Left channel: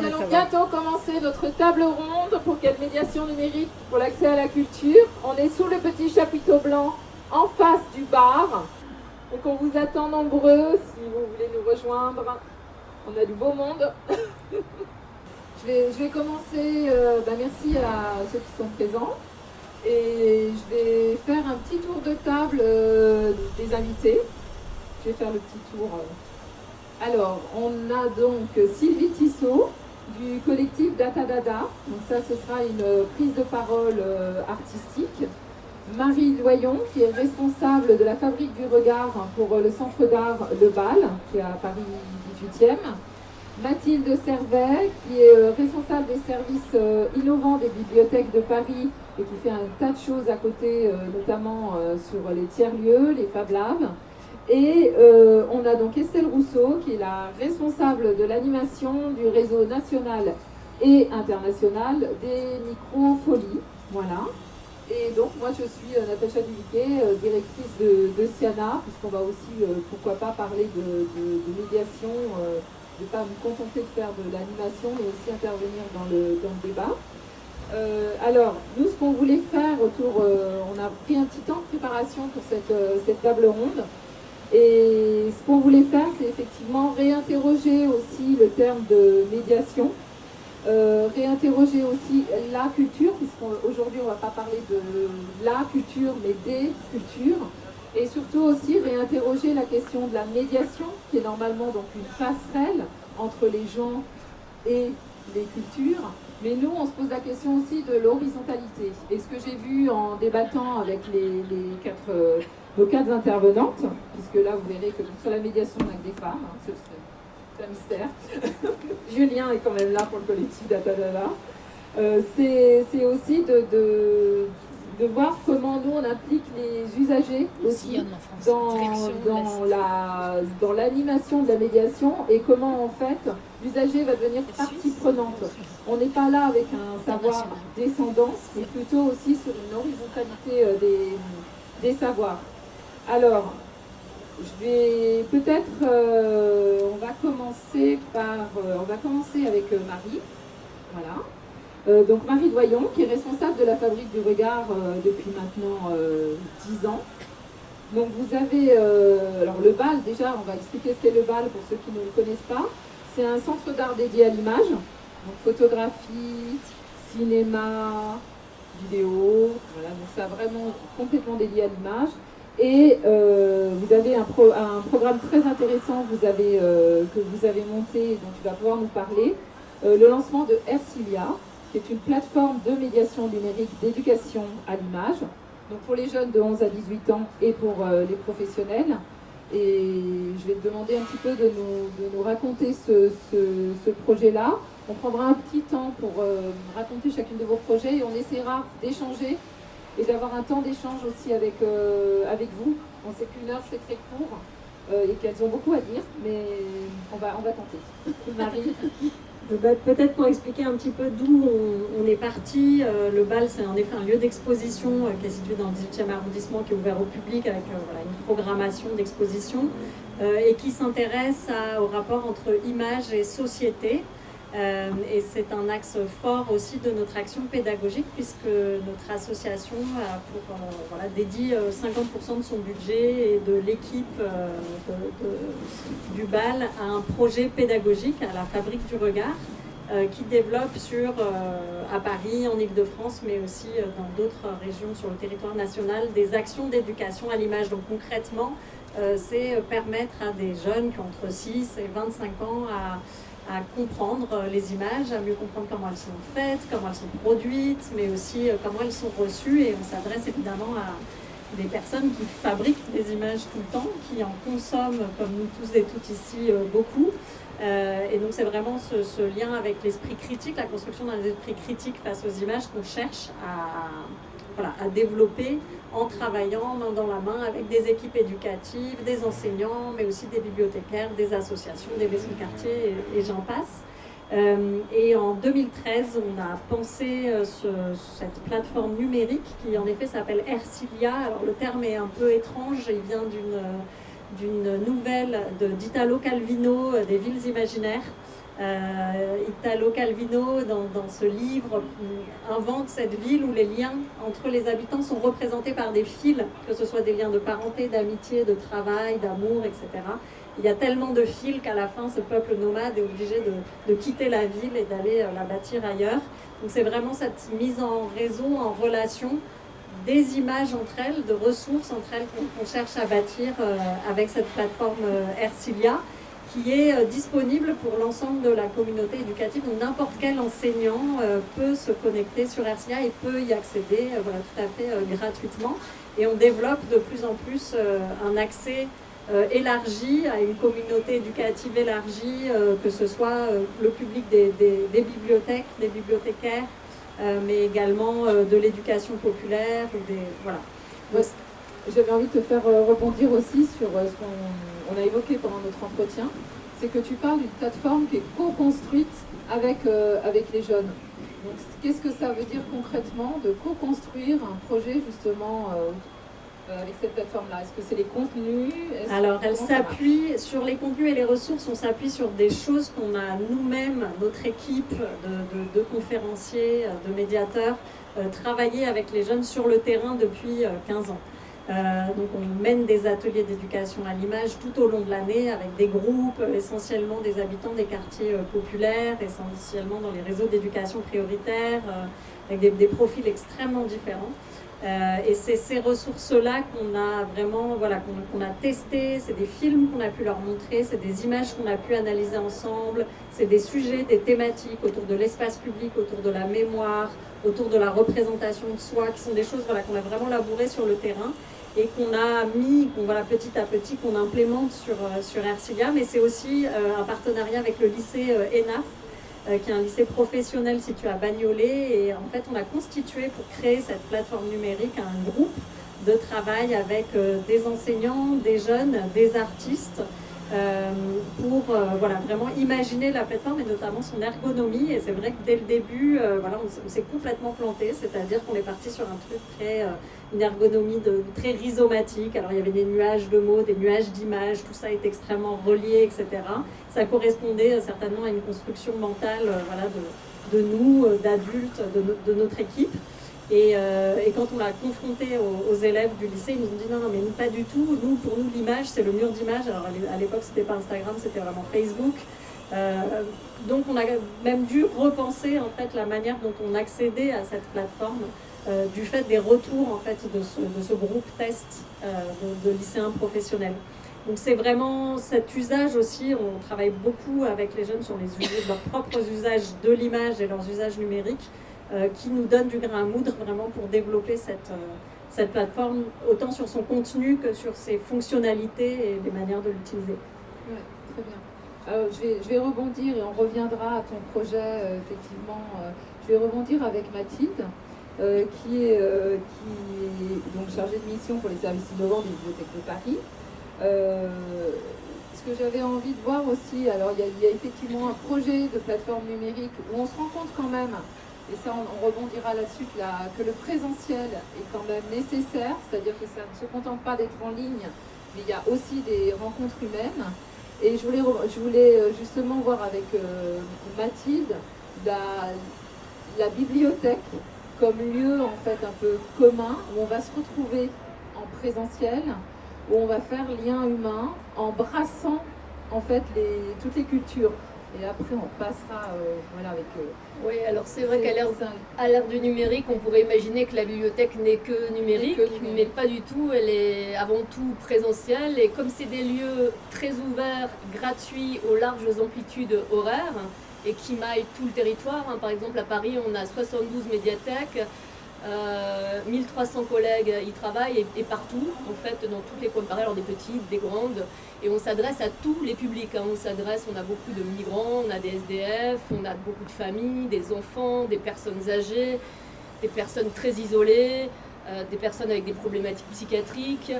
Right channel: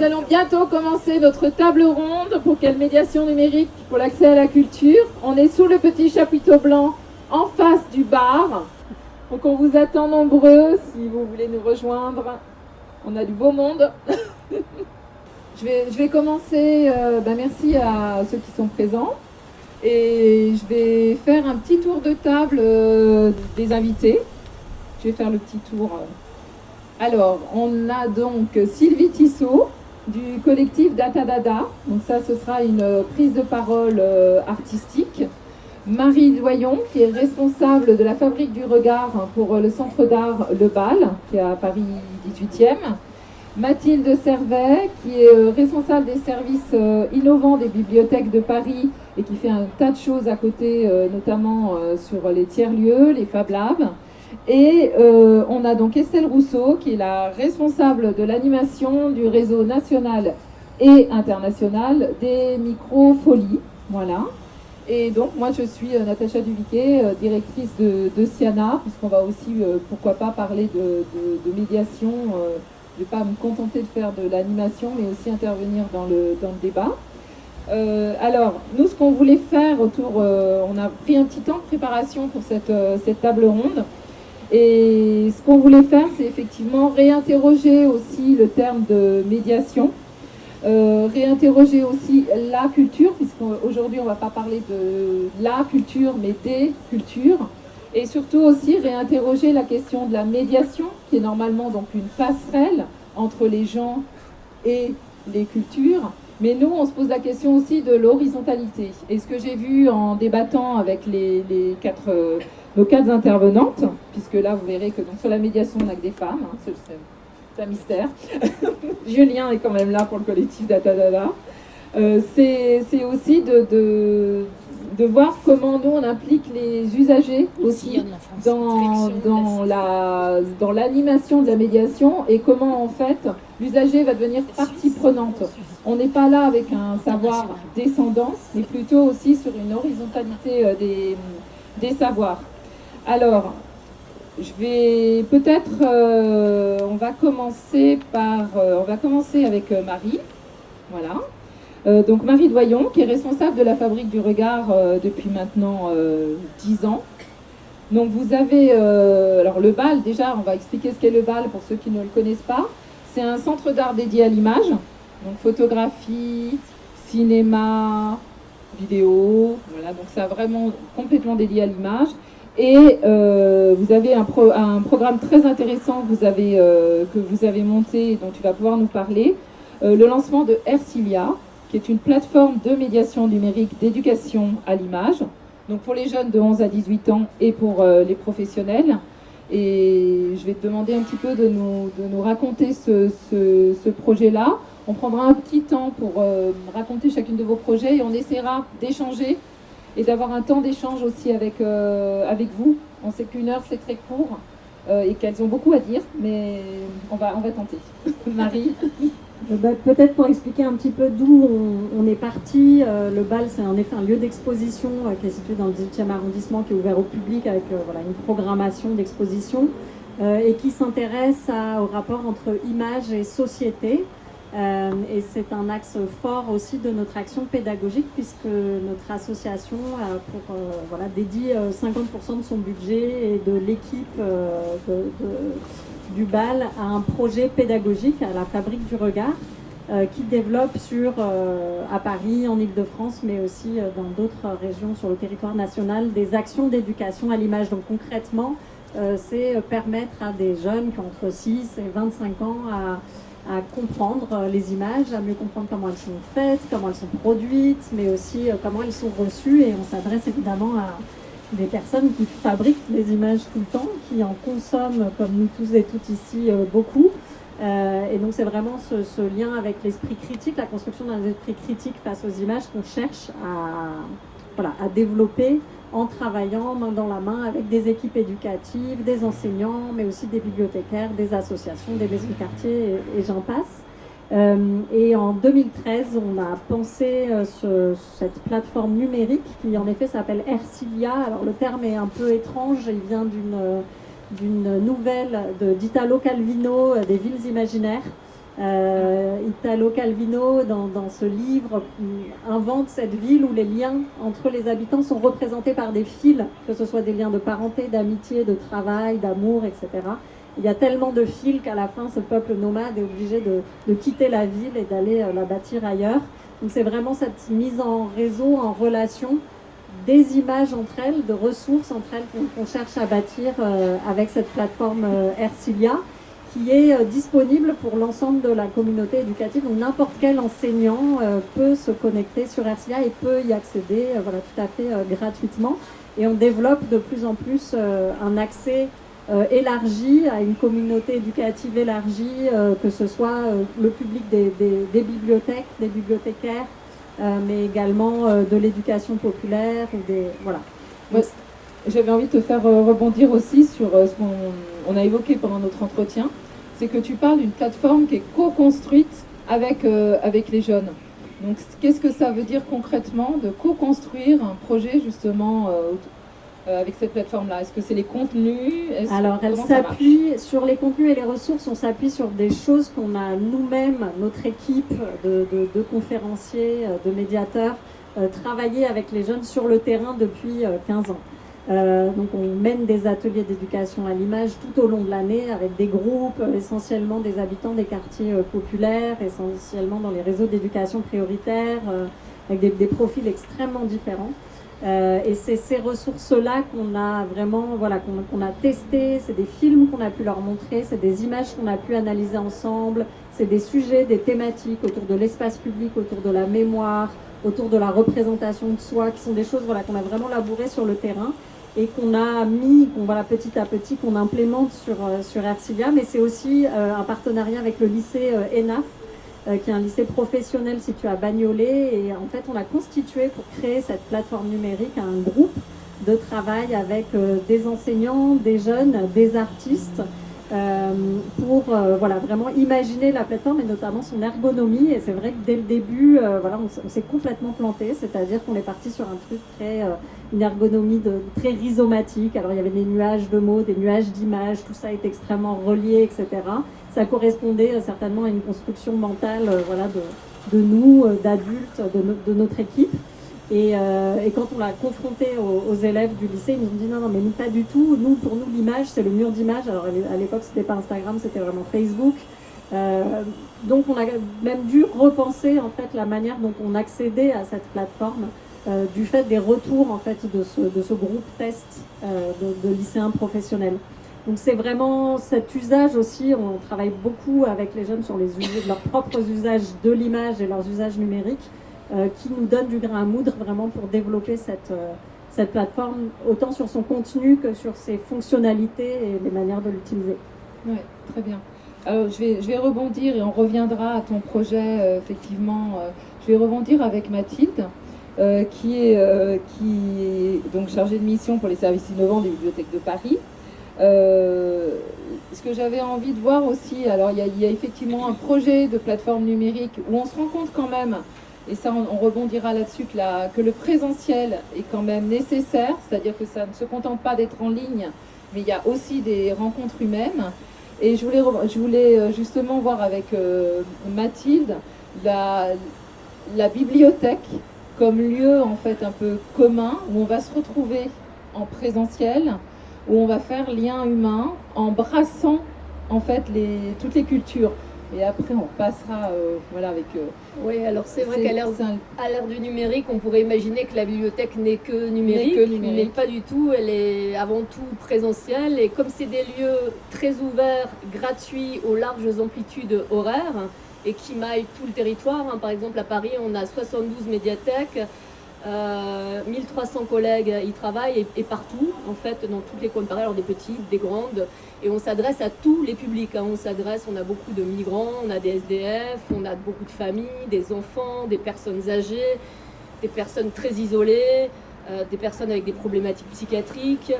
nous allons bientôt commencer notre table ronde pour quelle médiation numérique pour l'accès à la culture. On est sous le petit chapiteau blanc en face du bar. Donc on vous attend nombreux si vous voulez nous rejoindre. On a du beau monde. Je vais commencer, merci à ceux qui sont présents. Et je vais faire un petit tour de table des invités. Je vais faire le petit tour. Alors, on a donc Sylvie Tissot du collectif Datadada. Donc ça, ce sera une prise de parole artistique. Marie Doyon, qui est responsable de la Fabrique du Regard pour le centre d'art Le Bal, qui est à Paris 18e. Mathilde Servet, qui est responsable des services innovants des bibliothèques de Paris et qui fait un tas de choses à côté, notamment sur les tiers-lieux, les Fab Labs. Et on a donc Estelle Rousseau, qui est la responsable de l'animation du réseau national et international des micro-folies. Voilà. Et donc, moi, je suis Natacha Duviquet, directrice de Siana, puisqu'on va aussi, pourquoi pas, parler de médiation. Je ne vais pas me contenter de faire de l'animation, mais aussi intervenir dans le débat. Alors, nous, ce qu'on voulait faire on a pris un petit temps de préparation pour cette table ronde. Et ce qu'on voulait faire, c'est effectivement réinterroger aussi le terme de médiation, réinterroger aussi la culture, puisqu'aujourd'hui on ne va pas parler de la culture, mais des cultures, et surtout aussi réinterroger la question de la médiation, qui est normalement donc une passerelle entre les gens et les cultures. Mais nous, on se pose la question aussi de l'horizontalité. Et ce que j'ai vu en débattant avec nos quatre intervenantes, puisque là, vous verrez que sur la médiation, on n'a que des femmes, hein, c'est un mystère. Julien est quand même là pour le collectif Datadada. C'est aussi de voir comment nous, on implique les usagers aussi dans l'animation de la médiation et comment, en fait, l'usager va devenir partie prenante. On n'est pas là avec un savoir descendant, mais plutôt aussi sur une horizontalité des savoirs. Alors, je vais peut-être, on va commencer avec Marie, voilà. Donc Marie Doyon, qui est responsable de la Fabrique du Regard depuis maintenant 10 ans. Donc vous avez, alors le BAL, déjà, on va expliquer ce qu'est le BAL pour ceux qui ne le connaissent pas. C'est un centre d'art dédié à l'image, donc photographie, cinéma, vidéo, voilà, donc c'est vraiment complètement dédié à l'image. Et vous avez un programme très intéressant que vous avez monté et dont tu vas pouvoir nous parler, le lancement de Ercilia, qui est une plateforme de médiation numérique d'éducation à l'image, donc pour les jeunes de 11 à 18 ans et pour les professionnels. Et je vais te demander un petit peu de nous raconter ce projet-là. On prendra un petit temps pour raconter chacune de vos projets et on essaiera d'échanger et d'avoir un temps d'échange aussi avec vous. On sait qu'une heure, c'est très court et qu'elles ont beaucoup à dire, mais on va tenter. Marie. Peut-être pour expliquer un petit peu d'où on est parti, le BAL c'est en effet un lieu d'exposition qui est situé dans le 18e arrondissement, qui est ouvert au public avec une programmation d'exposition et qui s'intéresse au rapport entre image et société. Et c'est un axe fort aussi de notre action pédagogique puisque notre association dédie 50% de son budget et de l'équipe du BAL à un projet pédagogique à la Fabrique du Regard qui développe à Paris, en Île-de-France, mais aussi dans d'autres régions sur le territoire national, des actions d'éducation à l'image. Donc concrètement, c'est permettre à des jeunes qui ont entre 6 et 25 ans à comprendre les images, à mieux comprendre comment elles sont faites, comment elles sont produites, mais aussi comment elles sont reçues. Et on s'adresse évidemment à des personnes qui fabriquent des images tout le temps, qui en consomment, comme nous tous et toutes ici, beaucoup. Et donc c'est vraiment ce lien avec l'esprit critique, la construction d'un esprit critique face aux images qu'on cherche à développer en travaillant main dans la main avec des équipes éducatives, des enseignants, mais aussi des bibliothécaires, des associations, des maisons de quartier et j'en passe. Et en 2013, on a pensé cette plateforme numérique qui en effet s'appelle Ercilia. Alors le terme est un peu étrange, il vient d'une nouvelle d'Italo Calvino, des villes imaginaires, Italo Calvino, dans ce livre, invente cette ville où les liens entre les habitants sont représentés par des fils, que ce soit des liens de parenté, d'amitié, de travail, d'amour, etc. Il y a tellement de fils qu'à la fin, ce peuple nomade est obligé de quitter la ville et d'aller la bâtir ailleurs. Donc c'est vraiment cette mise en réseau, en relation, des images entre elles, de ressources entre elles qu'on cherche à bâtir avec cette plateforme Ercilia, qui est disponible pour l'ensemble de la communauté éducative. Donc n'importe quel enseignant peut se connecter sur Ercilia et peut y accéder voilà, tout à fait gratuitement. Et on développe de plus en plus un accès élargi à une communauté éducative élargie, que ce soit le public des bibliothèques, des bibliothécaires, mais également de l'éducation populaire. Voilà. Ouais, j'avais envie de te faire rebondir aussi sur ce qu'on a évoqué pendant notre entretien, c'est que tu parles d'une plateforme qui est co-construite avec les jeunes. Donc qu'est-ce que ça veut dire concrètement de co-construire un projet justement avec cette plateforme-là? Est-ce que c'est les contenus? Alors, elle s'appuie sur les contenus et les ressources. On s'appuie sur des choses qu'on a nous-mêmes, notre équipe de conférenciers, de médiateurs, travaillé avec les jeunes sur le terrain depuis 15 ans. Donc, on mène des ateliers d'éducation à l'image tout au long de l'année avec des groupes, essentiellement des habitants des quartiers populaires, essentiellement dans les réseaux d'éducation prioritaire, avec des profils extrêmement différents. Et c'est ces ressources-là qu'on a vraiment, voilà, qu'on a testées, c'est des films qu'on a pu leur montrer, c'est des images qu'on a pu analyser ensemble, c'est des sujets, des thématiques autour de l'espace public, autour de la mémoire, autour de la représentation de soi, qui sont des choses voilà, qu'on a vraiment labourées sur le terrain et qu'on a mis, voilà, petit à petit, qu'on implémente sur Ercilia. Mais c'est aussi un partenariat avec le lycée ENAF, qui est un lycée professionnel situé à Bagnolet. Et en fait, on a constitué pour créer cette plateforme numérique un groupe de travail avec des enseignants, des jeunes, des artistes, pour voilà, vraiment imaginer la plateforme et notamment son ergonomie. Et c'est vrai que dès le début, voilà, on s'est complètement planté, c'est-à-dire qu'on est parti sur un truc une ergonomie très rhizomatique. Alors il y avait des nuages de mots, des nuages d'images, tout ça est extrêmement relié, etc. Ça correspondait certainement à une construction mentale voilà, de nous, d'adultes, de notre équipe. Et quand on l'a confronté aux élèves du lycée, ils nous ont dit non, mais nous pas du tout. Nous, pour nous, l'image, c'est le mur d'image. Alors à l'époque, c'était pas Instagram, c'était vraiment Facebook. Donc on a même dû repenser en fait la manière dont on accédait à cette plateforme, du fait des retours en fait de ce groupe test de lycéens professionnels. Donc c'est vraiment cet usage aussi. On travaille beaucoup avec les jeunes sur leurs propres usages de l'image et leurs usages numériques, qui nous donne du grain à moudre vraiment pour développer cette plateforme, autant sur son contenu que sur ses fonctionnalités et les manières de l'utiliser. Oui, très bien. Alors, je vais rebondir et on reviendra à ton projet, effectivement. Je vais rebondir avec Mathilde, qui est donc chargée de mission pour les services innovants des bibliothèques de Paris. Ce que j'avais envie de voir aussi, alors il y a effectivement un projet de plateforme numérique où on se rend compte quand même, et ça on rebondira là-dessus, que le présentiel est quand même nécessaire, c'est-à-dire que ça ne se contente pas d'être en ligne, mais il y a aussi des rencontres humaines. Et je voulais justement voir avec Mathilde la bibliothèque comme lieu en fait un peu commun où on va se retrouver en présentiel, où on va faire lien humain en brassant en fait toutes les cultures. Et après on passera voilà, avec... Oui, alors c'est vrai qu'à l'ère du numérique, on pourrait imaginer que la bibliothèque n'est que numérique, mais pas du tout. Elle est avant tout présentielle. Et comme c'est des lieux très ouverts, gratuits, aux larges amplitudes horaires, et qui maillent tout le territoire, hein. Par exemple, à Paris, on a 72 médiathèques, 1300 collègues y travaillent, et partout, en fait, dans toutes les coins de Paris, alors des petites, des grandes, et on s'adresse à tous les publics, hein. On a beaucoup de migrants, on a des SDF, on a beaucoup de familles, des enfants, des personnes âgées, des personnes très isolées, des personnes avec des problématiques psychiatriques.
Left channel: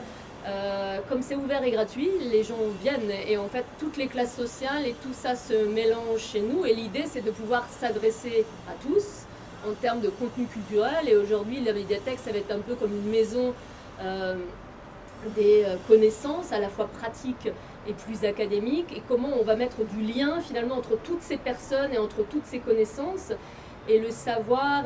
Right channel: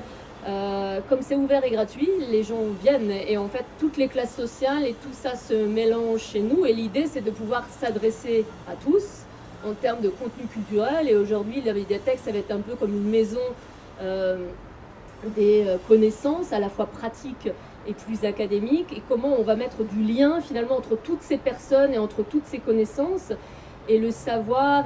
Comme c'est ouvert et gratuit, les gens viennent, et en fait toutes les classes sociales et tout ça se mélange chez nous, et l'idée c'est de pouvoir s'adresser à tous en termes de contenu culturel. Et aujourd'hui la médiathèque, ça va être un peu comme une maison des connaissances à la fois pratiques et plus académique, et comment on va mettre du lien finalement entre toutes ces personnes et entre toutes ces connaissances. Et le savoir,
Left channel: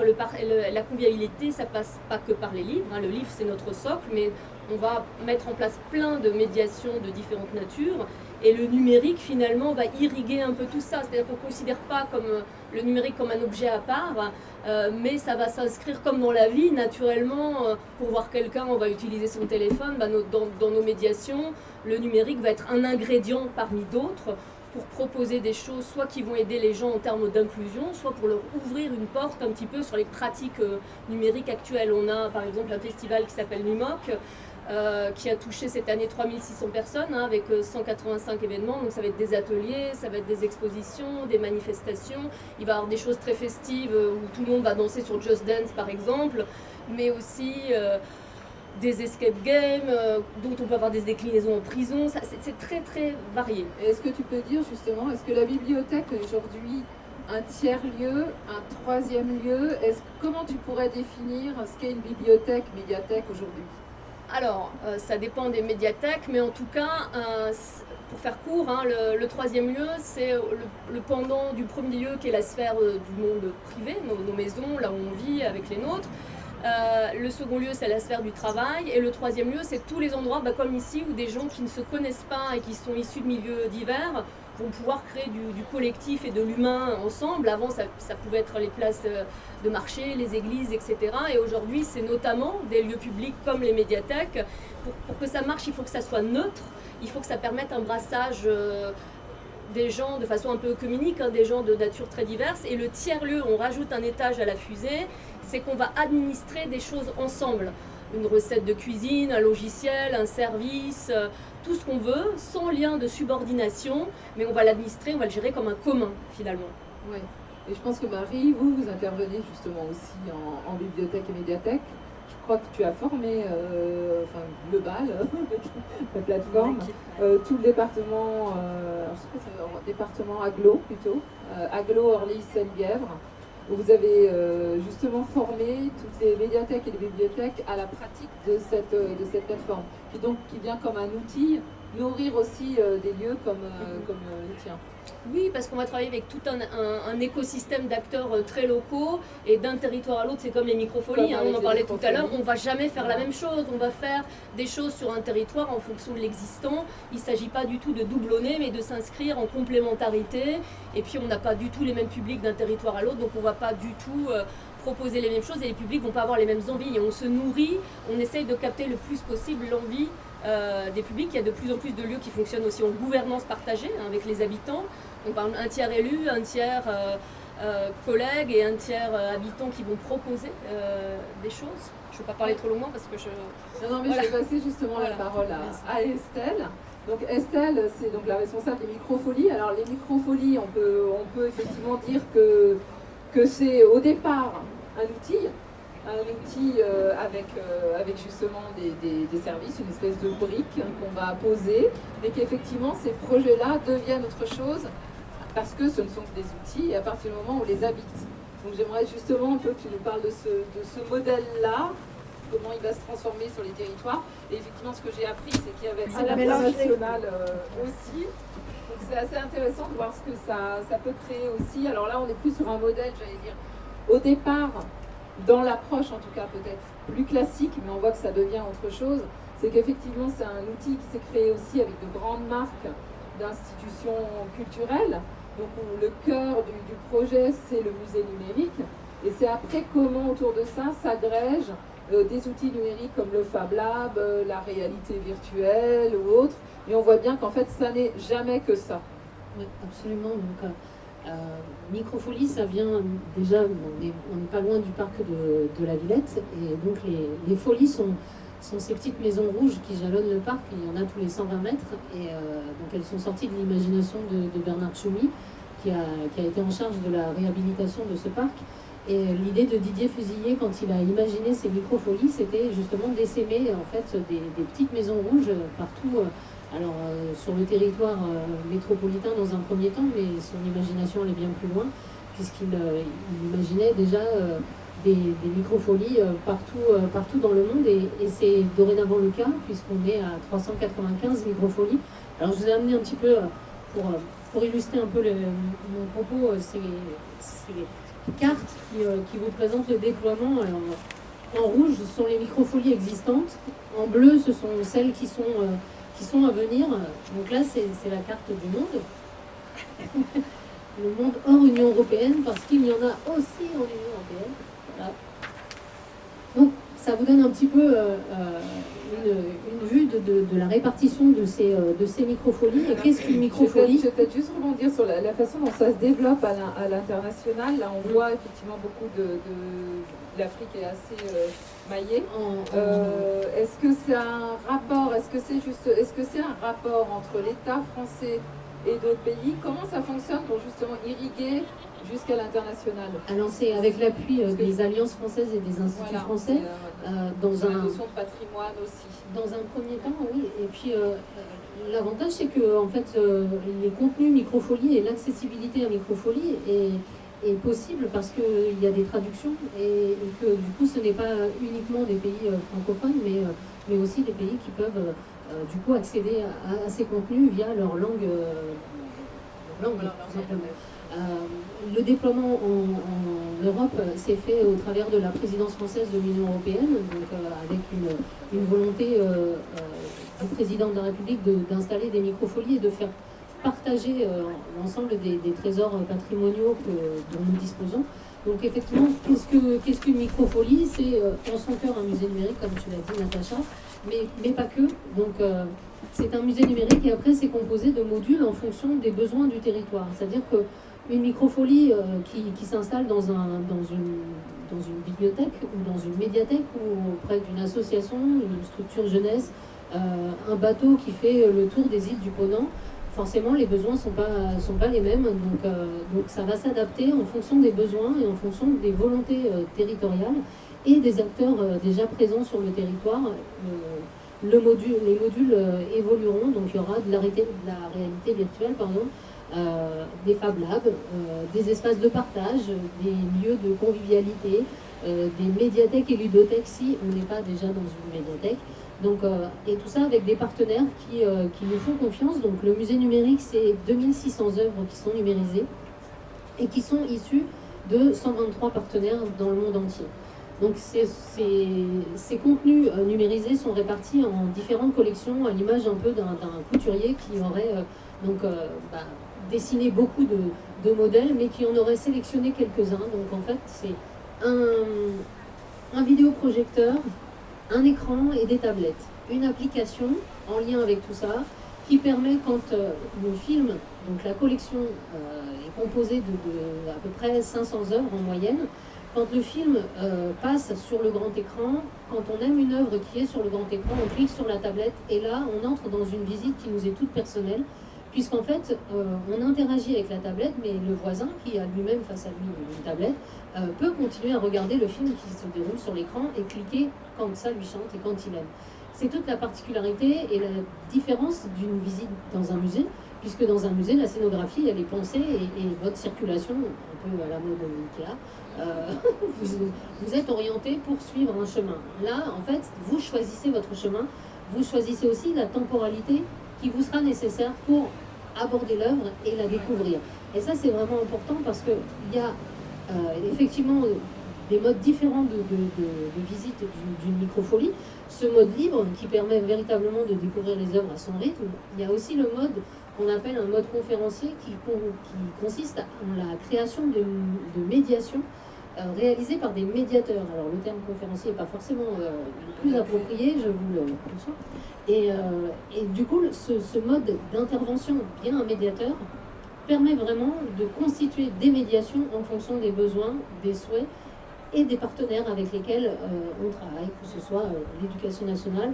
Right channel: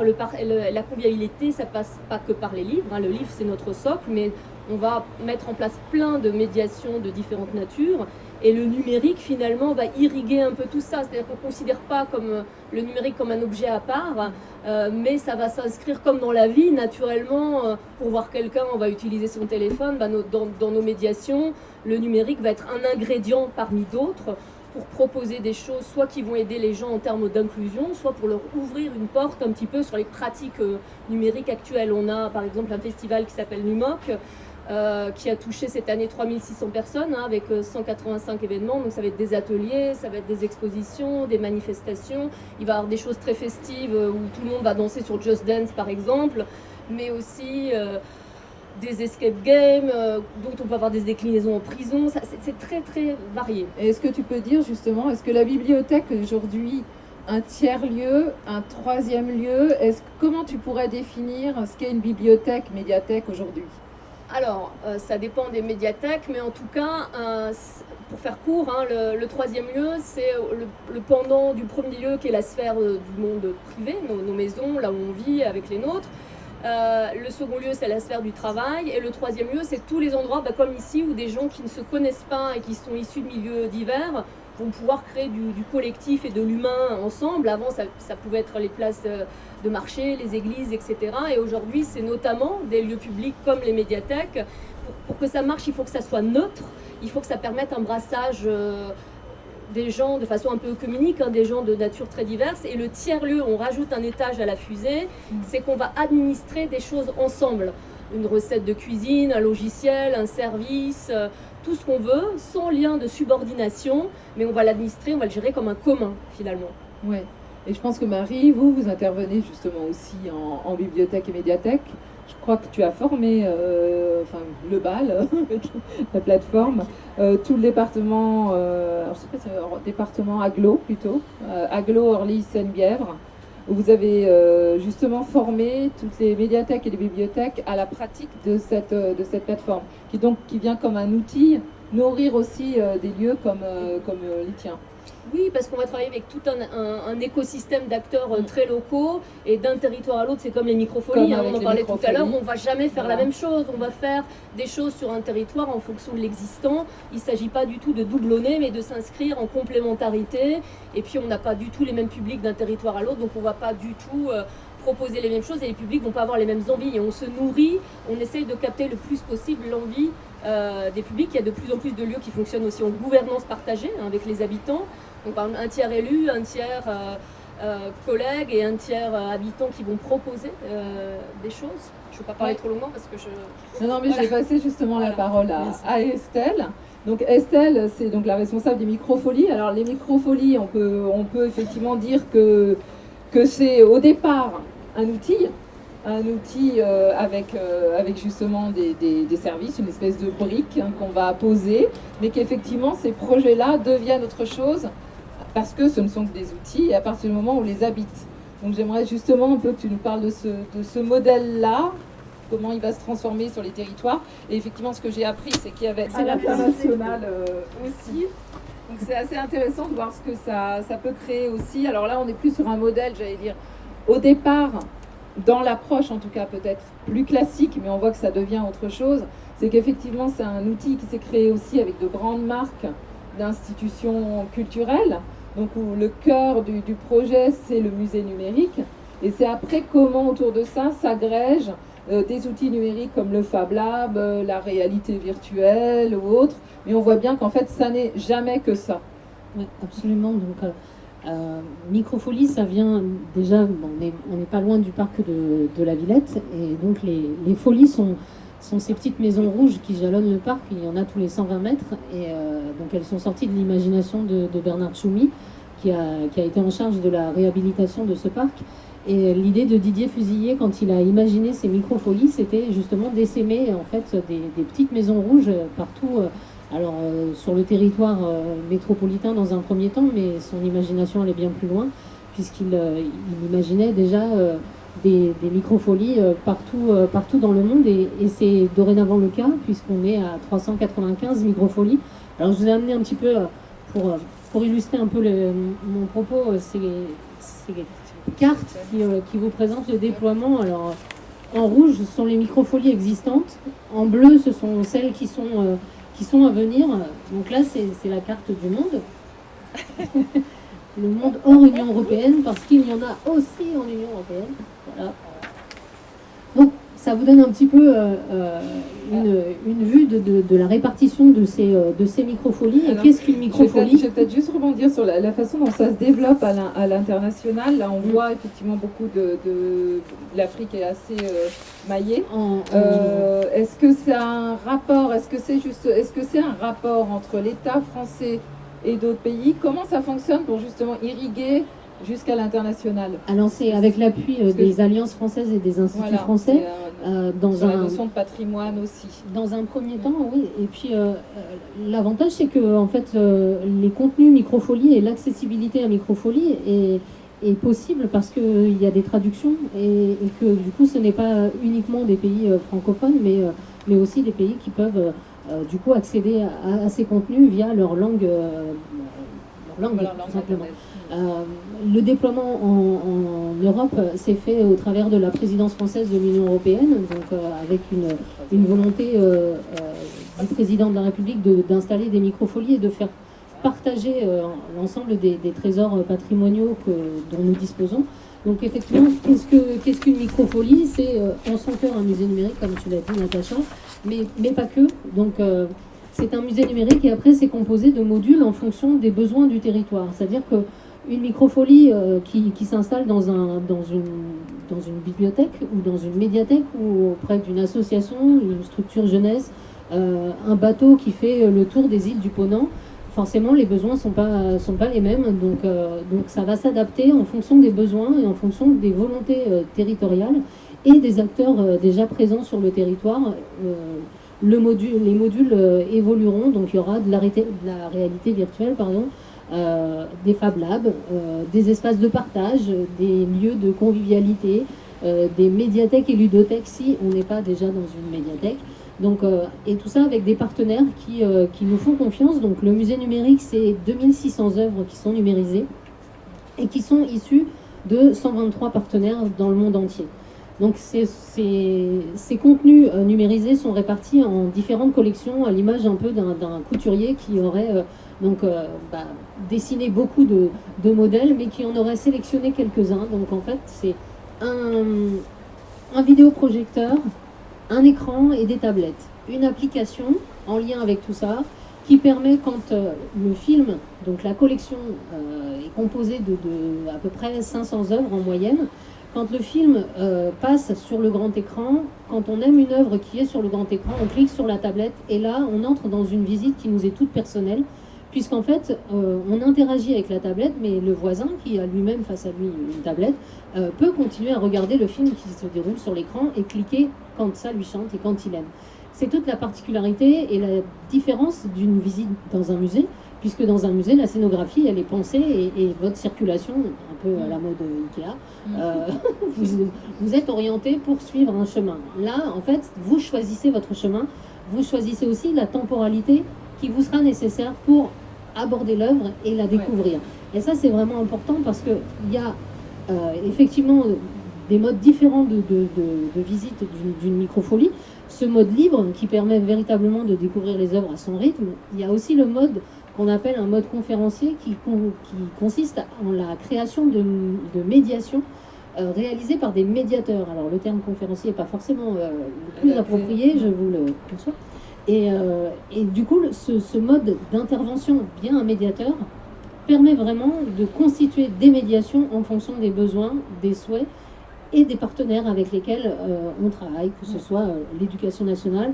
la convivialité, ça passe pas que par les livres, hein. Le livre, c'est notre socle, mais on va mettre en place plein de médiations de différentes natures. Et le numérique, finalement, va irriguer un peu tout ça. C'est-à-dire qu'on ne considère pas le numérique comme un objet à part, mais ça va s'inscrire comme dans la vie, naturellement. Pour voir quelqu'un, on va utiliser son téléphone. Dans nos médiations, le numérique va être un ingrédient parmi d'autres pour proposer des choses, soit qui vont aider les gens en termes d'inclusion, soit pour leur ouvrir une porte un petit peu sur les pratiques numériques actuelles. On a par exemple un festival qui s'appelle Numoc, qui a touché cette année 3600 personnes, hein, avec 185 événements. Donc ça va être des ateliers, ça va être des expositions, des manifestations. Il va y avoir des choses très festives où tout le monde va danser sur Just Dance par exemple, mais aussi des escape games, dont on peut avoir des déclinaisons en prison. C'est très très varié. Et est-ce que tu peux dire justement, est-ce que la bibliothèque aujourd'hui, un tiers-lieu, un troisième lieu, comment tu pourrais définir ce qu'est une bibliothèque, médiathèque aujourd'hui? Alors, ça dépend des médiathèques, mais en tout cas, pour faire court, hein, le troisième lieu, c'est le pendant du premier lieu qui est la sphère du monde privé, nos maisons, là où on vit avec les nôtres. Le second lieu, c'est la sphère du travail. Et le troisième lieu, c'est tous les endroits, comme ici, où des gens qui ne se connaissent pas et qui sont issus de milieux divers vont pouvoir créer du collectif et de l'humain ensemble. Avant, ça pouvait être les places de marché, les églises, etc. Et aujourd'hui, c'est notamment des lieux publics comme les médiathèques. Pour que ça marche, il faut que ça soit neutre. Il faut que ça permette un brassage des gens de façon un peu œcuménique, hein, des gens de nature très diverses. Et le tiers-lieu, on rajoute un étage à la fusée, c'est qu'on va administrer des choses ensemble. Une recette de cuisine, un logiciel, un service, tout ce qu'on veut, sans lien de subordination, mais on va l'administrer, on va le gérer comme un commun finalement. Oui, et je pense que Marie, vous intervenez justement aussi en bibliothèque et médiathèque. Je crois que tu as formé le BAL, la plateforme, tout le département, alors je sais pas si c'est le département Aglo plutôt, Aglo, Orly, Seine-Bièvre, où vous avez justement formé toutes les médiathèques et les bibliothèques à la pratique de cette plateforme, qui vient comme un outil nourrir aussi des lieux comme les tiens. Oui, parce qu'on va travailler avec tout un écosystème d'acteurs très locaux, et d'un territoire à l'autre, c'est comme les microfolies, on en parlait tout à l'heure, on ne va jamais faire la même chose, on va faire des choses sur un territoire en fonction de l'existant. Il ne s'agit pas du tout de doublonner, mais de s'inscrire en complémentarité, et puis on n'a pas du tout les mêmes publics d'un territoire à l'autre, donc on ne va pas du tout proposer les mêmes choses, et les publics ne vont pas avoir les mêmes envies, et on se nourrit, on essaye de capter le plus possible l'envie des publics. Il y a de plus en plus de lieux qui fonctionnent aussi en gouvernance partagée, hein, avec les habitants. Donc un tiers élu, un tiers collègue et un tiers habitants qui vont proposer des choses. Je ne veux pas parler trop longuement parce que je... Non, mais je vais passer justement la parole à Estelle. Donc Estelle, c'est donc la responsable des microfolies. Alors les microfolies, on peut effectivement dire que c'est au départ un outil avec justement des services, une espèce de brique qu'on va poser, mais qu'effectivement ces projets-là deviennent autre chose parce que ce ne sont que des outils et à partir du moment où on les habite. Donc j'aimerais justement un peu que tu nous parles de ce modèle-là, comment il va se transformer sur les territoires. Et effectivement, ce que j'ai appris, c'est qu'il y avait à l'international aussi. Donc c'est assez intéressant de voir ce que ça peut créer aussi. Alors là, on est plus sur un modèle, j'allais dire, au départ, dans l'approche en tout cas peut-être plus classique, mais on voit que ça devient autre chose. C'est qu'effectivement, c'est un outil qui s'est créé aussi avec de grandes marques d'institutions culturelles. Donc le cœur du projet, c'est le musée numérique. Et c'est après comment autour de ça s'agrègent des outils numériques comme le Fab Lab, la réalité virtuelle ou autre. Mais on voit bien qu'en fait, ça n'est jamais que ça. Oui, absolument. Donc, Microfolie, ça vient déjà, on n'est pas loin du parc de la Villette. Et donc les folies sont ces petites maisons rouges qui jalonnent le parc. Il y en a tous les 120 mètres. Et donc elles sont sorties de l'imagination de Bernard Tchoumi, qui a été en charge de la réhabilitation de ce parc. Et l'idée de Didier Fusilier, quand il a imaginé ces microfolies, c'était justement d'essaimer en fait des petites maisons rouges partout, sur le territoire métropolitain dans un premier temps, mais son imagination allait bien plus loin, puisqu'il imaginait déjà des microfolies partout dans le monde et c'est dorénavant le cas puisqu'on est à 395 microfolies. Alors je vous ai amené un petit peu pour illustrer un peu mon propos, ces cartes qui vous présentent le déploiement. Alors en rouge, ce sont les microfolies existantes, en bleu, ce sont celles qui sont à venir. Donc là, c'est la carte du monde. Le monde hors Union européenne, parce qu'il y en a aussi en Union européenne. Voilà. Donc, ça vous donne un petit peu une vue de la répartition de ces microfolies. Et qu'est-ce qu'une microfolie? Je vais peut-être juste rebondir sur la façon dont ça se développe à l'international. Là, on voit effectivement beaucoup de l'Afrique est assez maillée. Est-ce que c'est un rapport? Est-ce que c'est un rapport entre l'État français et d'autres pays? Comment ça fonctionne pour justement irriguer jusqu'à l'international? Alors c'est avec l'appui des alliances françaises et des instituts français. Dans la notion de patrimoine aussi. Dans un premier temps, oui. Et puis l'avantage, c'est que en fait, les contenus microfolie et l'accessibilité à microfolie est possible parce qu'il y a des traductions et que du coup, ce n'est pas uniquement des pays francophones, mais aussi des pays qui peuvent du coup accéder à ces contenus via leur langue, tout simplement. Le déploiement en Europe s'est fait au travers de la présidence française de l'Union européenne, donc avec une volonté du président de la République d'installer des microfolies et de faire partager l'ensemble des trésors patrimoniaux dont nous disposons. Donc effectivement, qu'est-ce qu'une microfolie? C'est en son cœur un musée numérique, comme tu l'as dit Natacha, mais pas que. Donc c'est un musée numérique et après c'est composé de modules en fonction des besoins du territoire. C'est-à-dire qu'une microfolie qui s'installe dans une bibliothèque ou dans une médiathèque ou auprès d'une association, une structure jeunesse, un bateau qui fait le tour des îles du Ponant, forcément les besoins sont pas les mêmes, donc ça va s'adapter en fonction des besoins et en fonction des volontés territoriales et des acteurs déjà présents sur le territoire. Les modules évolueront, donc il y aura de la réalité virtuelle, des Fab Labs, des espaces de partage, des lieux de convivialité, des médiathèques et ludothèques si on n'est pas déjà dans une médiathèque. Donc, et tout ça avec des partenaires qui nous font confiance. Donc le musée numérique, c'est 2600 œuvres qui sont numérisées et qui sont issues de 123 partenaires dans le monde entier. Donc ces contenus numérisés sont répartis en différentes collections à l'image un peu d'un couturier qui aurait dessiné beaucoup de modèles mais qui en aurait sélectionné quelques-uns. Donc en fait c'est un vidéoprojecteur, un écran et des tablettes. Une application en lien avec tout ça qui permet quand le film, donc la collection est composée de à peu près 500 œuvres en moyenne. Quand le film passe sur le grand écran, quand on aime une œuvre qui est sur le grand écran, on clique sur la tablette et là, on entre dans une visite qui nous est toute personnelle, puisqu'en fait, on interagit avec la tablette, mais le voisin, qui a lui-même face à lui une tablette, peut continuer à regarder le film qui se déroule sur l'écran et cliquer quand ça lui chante et quand il aime. C'est toute la particularité et la différence d'une visite dans un musée, puisque dans un musée, la scénographie, elle est pensée et votre circulation, un peu à la mode Ikea, vous êtes orienté pour suivre un chemin. Là, en fait, vous choisissez votre chemin, vous choisissez aussi la temporalité qui vous sera nécessaire pour aborder l'œuvre et la découvrir. Et ça, c'est vraiment important parce qu'il y a effectivement des modes différents de visite d'une microfolie. Ce mode libre qui permet véritablement de découvrir les œuvres à son rythme. Il y a aussi le mode qu'on appelle un mode conférencier qui consiste en la création de médiation réalisée par des médiateurs. Alors le terme conférencier n'est pas forcément plus approprié, je vous le conçois. Et du coup, ce mode d'intervention via un médiateur permet vraiment de constituer des médiations en fonction des besoins, des souhaits et des partenaires avec lesquels on travaille, que ce soit l'éducation nationale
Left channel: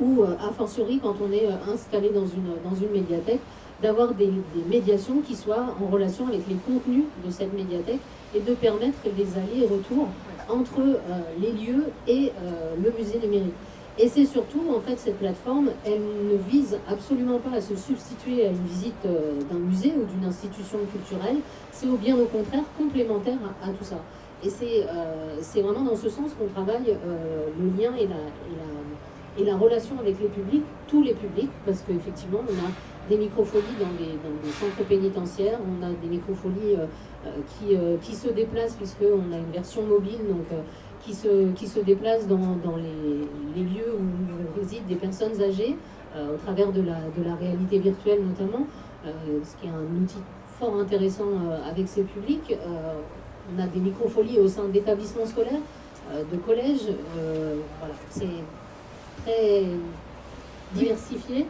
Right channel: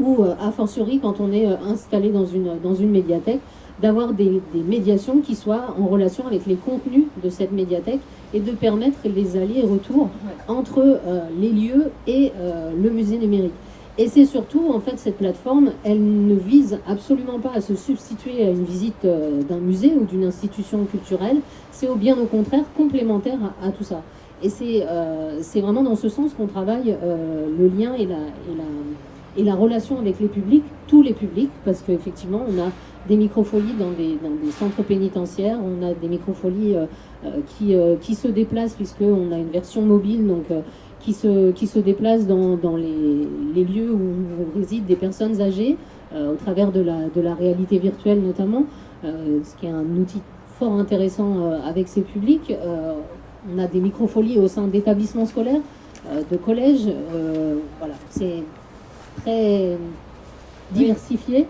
ou a fortiori quand on est installé dans une médiathèque, d'avoir des médiations qui soient en relation avec les contenus de cette médiathèque et de permettre les allers et retours entre les lieux et le musée numérique. Et c'est surtout, en fait, cette plateforme, elle ne vise absolument pas à se substituer à une visite d'un musée ou d'une institution culturelle, c'est au bien au contraire complémentaire à tout ça. Et c'est vraiment dans ce sens qu'on travaille le lien et la relation avec les publics, tous les publics, parce qu'effectivement, on a des microfolies dans des centres pénitentiaires, on a des microfolies qui se déplacent, puisqu'on a une version mobile, donc qui se déplacent dans les lieux où résident des personnes âgées, au travers de la réalité virtuelle notamment, ce qui est un outil fort intéressant avec ces publics. On a des microfolies au sein d'établissements scolaires, de collèges, voilà, c'est très diversifié,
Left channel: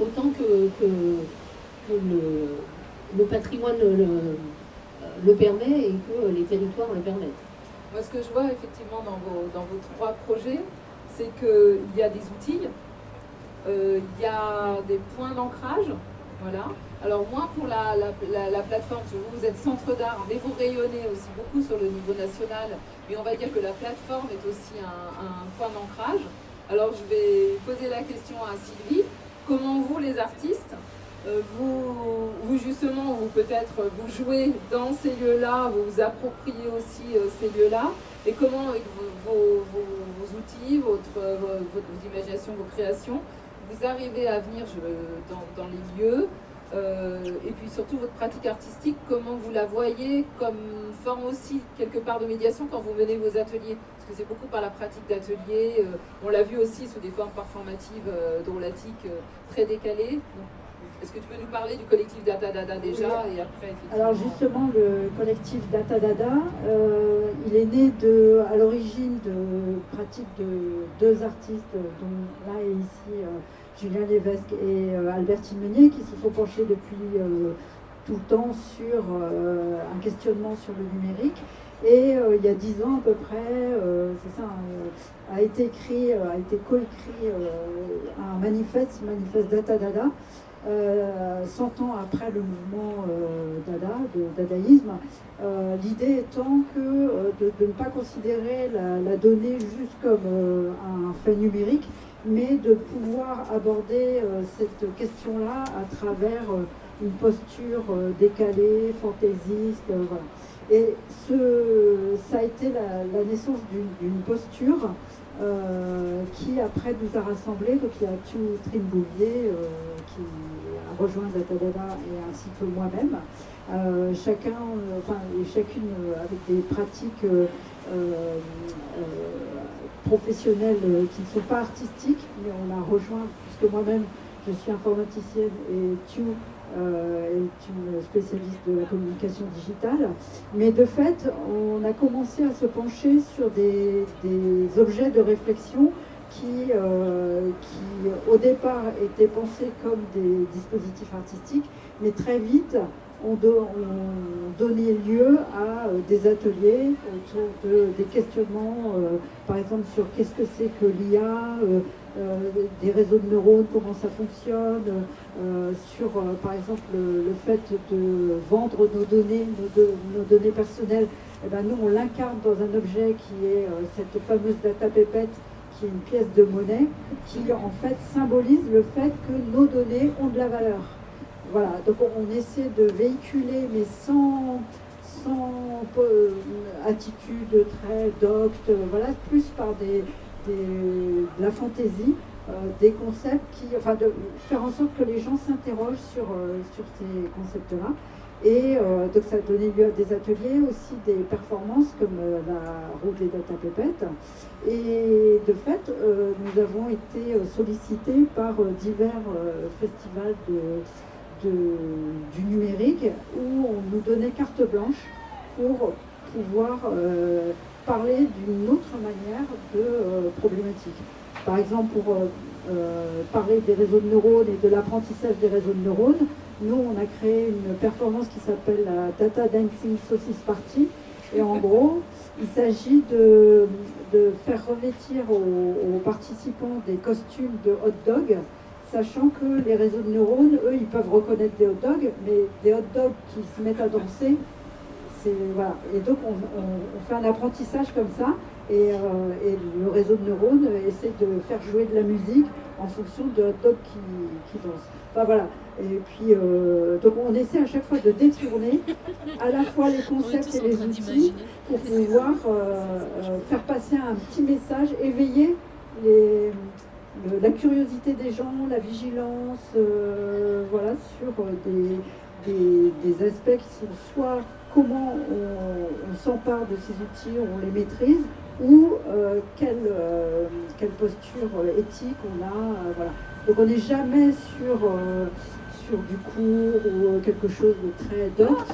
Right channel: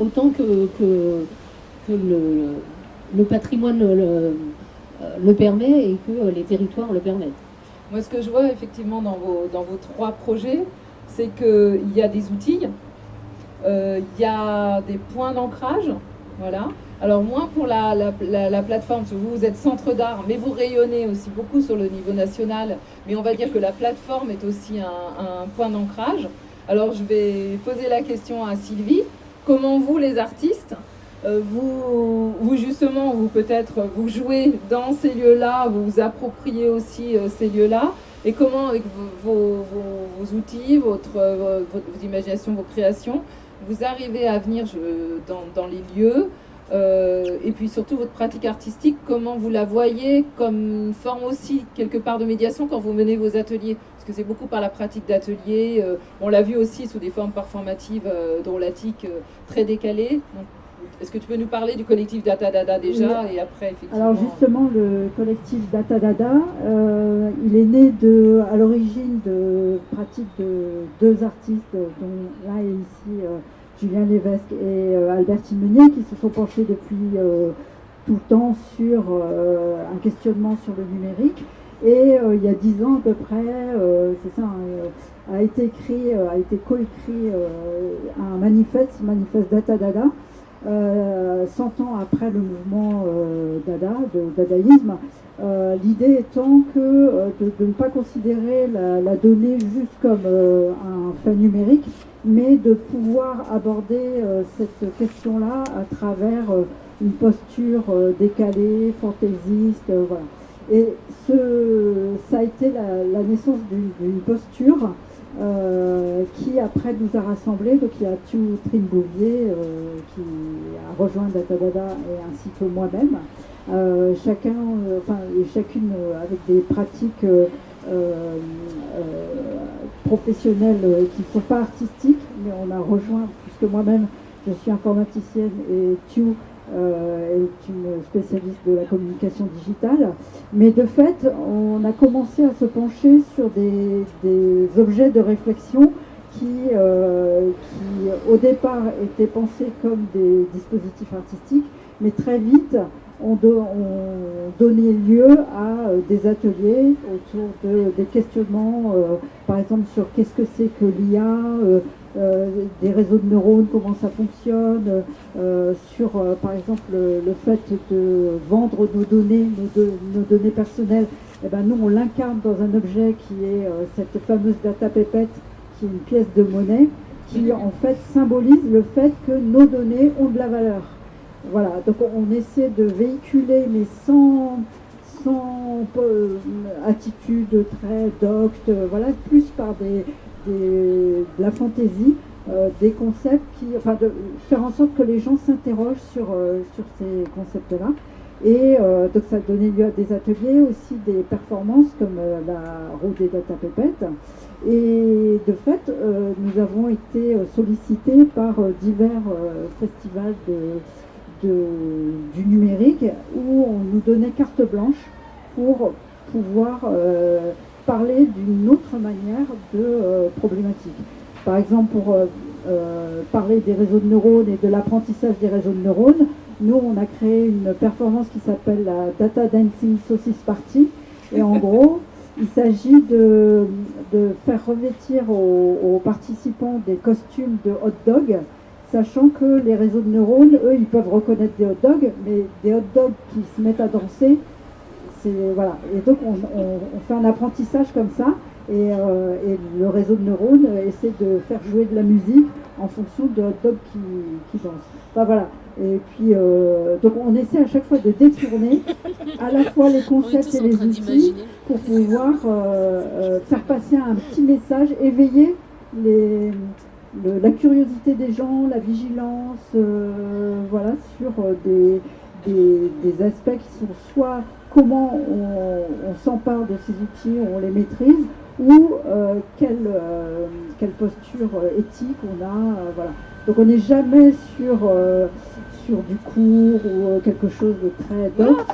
autant que le patrimoine le permet et que les territoires le permettent. Moi, ce que je vois effectivement dans vos 3 projets, c'est qu'il y a des outils, il y a des points d'ancrage, voilà. Alors moins pour la plateforme, parce que vous êtes centre d'art, mais vous rayonnez aussi beaucoup sur le niveau national, mais on va dire que la plateforme est aussi un point d'ancrage. Alors je vais poser la question à Sylvie. Comment vous, les artistes, vous justement, vous jouez dans ces lieux-là, vous vous appropriez aussi ces lieux-là, et comment avec vos outils, votre imagination, vos créations, vous arrivez à venir dans les lieux, et puis surtout votre pratique artistique, comment vous la voyez comme une forme aussi quelque part de médiation quand vous menez vos ateliers, parce que c'est beaucoup par la pratique d'ateliers, on l'a vu aussi sous des formes performatives drôlatiques très décalées. Est-ce que tu peux nous parler du collectif Data Dada déjà, et après effectivement... Alors justement, le collectif Data Dada, il est né à l'origine de pratiques de 2 artistes, dont là et ici Julien Lévesque et Albertine Meunier, qui se sont penchés depuis tout le temps sur un questionnement sur le numérique. Et il y a 10 ans à peu près, c'est ça, a été coécrit un manifeste Data Dada, 100 ans après le mouvement Dada, de dadaïsme, l'idée étant que de ne pas considérer la donnée juste comme un fait numérique, mais de pouvoir aborder cette question-là à travers une posture décalée, fantaisiste, voilà. Et ça a été la naissance d'une posture qui après nous a rassemblés. Donc il y a Trine Bouvier qui a rejoint Data Dada, et ainsi que moi-même, chacune avec des pratiques professionnelles qui ne sont pas artistiques, mais on a rejoint, puisque moi-même je suis informaticienne et Tu est une spécialiste de la communication digitale, mais de fait on a commencé à se pencher sur des objets de réflexion qui au départ étaient pensés comme des dispositifs artistiques, mais très vite ont donné lieu à des ateliers autour des questionnements, par exemple sur qu'est-ce que c'est que l'IA, des réseaux de neurones, comment ça fonctionne, sur par exemple le fait de vendre nos données personnelles. Eh ben, nous on l'incarne dans un objet qui est cette fameuse data pépette, qui est une pièce de monnaie, qui en fait symbolise le fait que nos données ont de la valeur. Voilà, donc on essaie de véhiculer, mais sans attitude très docte, voilà, plus par de la fantaisie, des concepts de faire en sorte que les gens s'interrogent sur ces concepts-là. Et donc ça a donné lieu à des ateliers, aussi des performances comme la roue des data pépettes. Et de fait, nous avons été sollicités par divers festivals du numérique, où on nous donnait carte blanche pour pouvoir parler d'une autre manière de problématiques. Par exemple, pour parler des réseaux de neurones et de l'apprentissage des réseaux de neurones, nous on a créé une performance qui s'appelle la Data Dancing Sausage Party, et en gros il s'agit de faire revêtir aux participants des costumes de hot dog, sachant que les réseaux de neurones, eux, ils peuvent reconnaître des hot dogs, mais des hot dogs qui se mettent à danser, voilà. Et donc on fait un apprentissage comme ça, et le réseau de neurones essaie de faire jouer de la musique en fonction de hot dog qui danse. Enfin voilà. Et puis donc on essaie à chaque fois de détourner à la fois les concepts et les outils pour pouvoir faire passer un petit message, éveiller la curiosité des gens, la vigilance, voilà, sur des aspects qui sont soit comment on s'empare de ces outils, on les maîtrise, ou quelle posture éthique on a. Voilà. Donc on n'est jamais sur du cours ou quelque chose de très docte.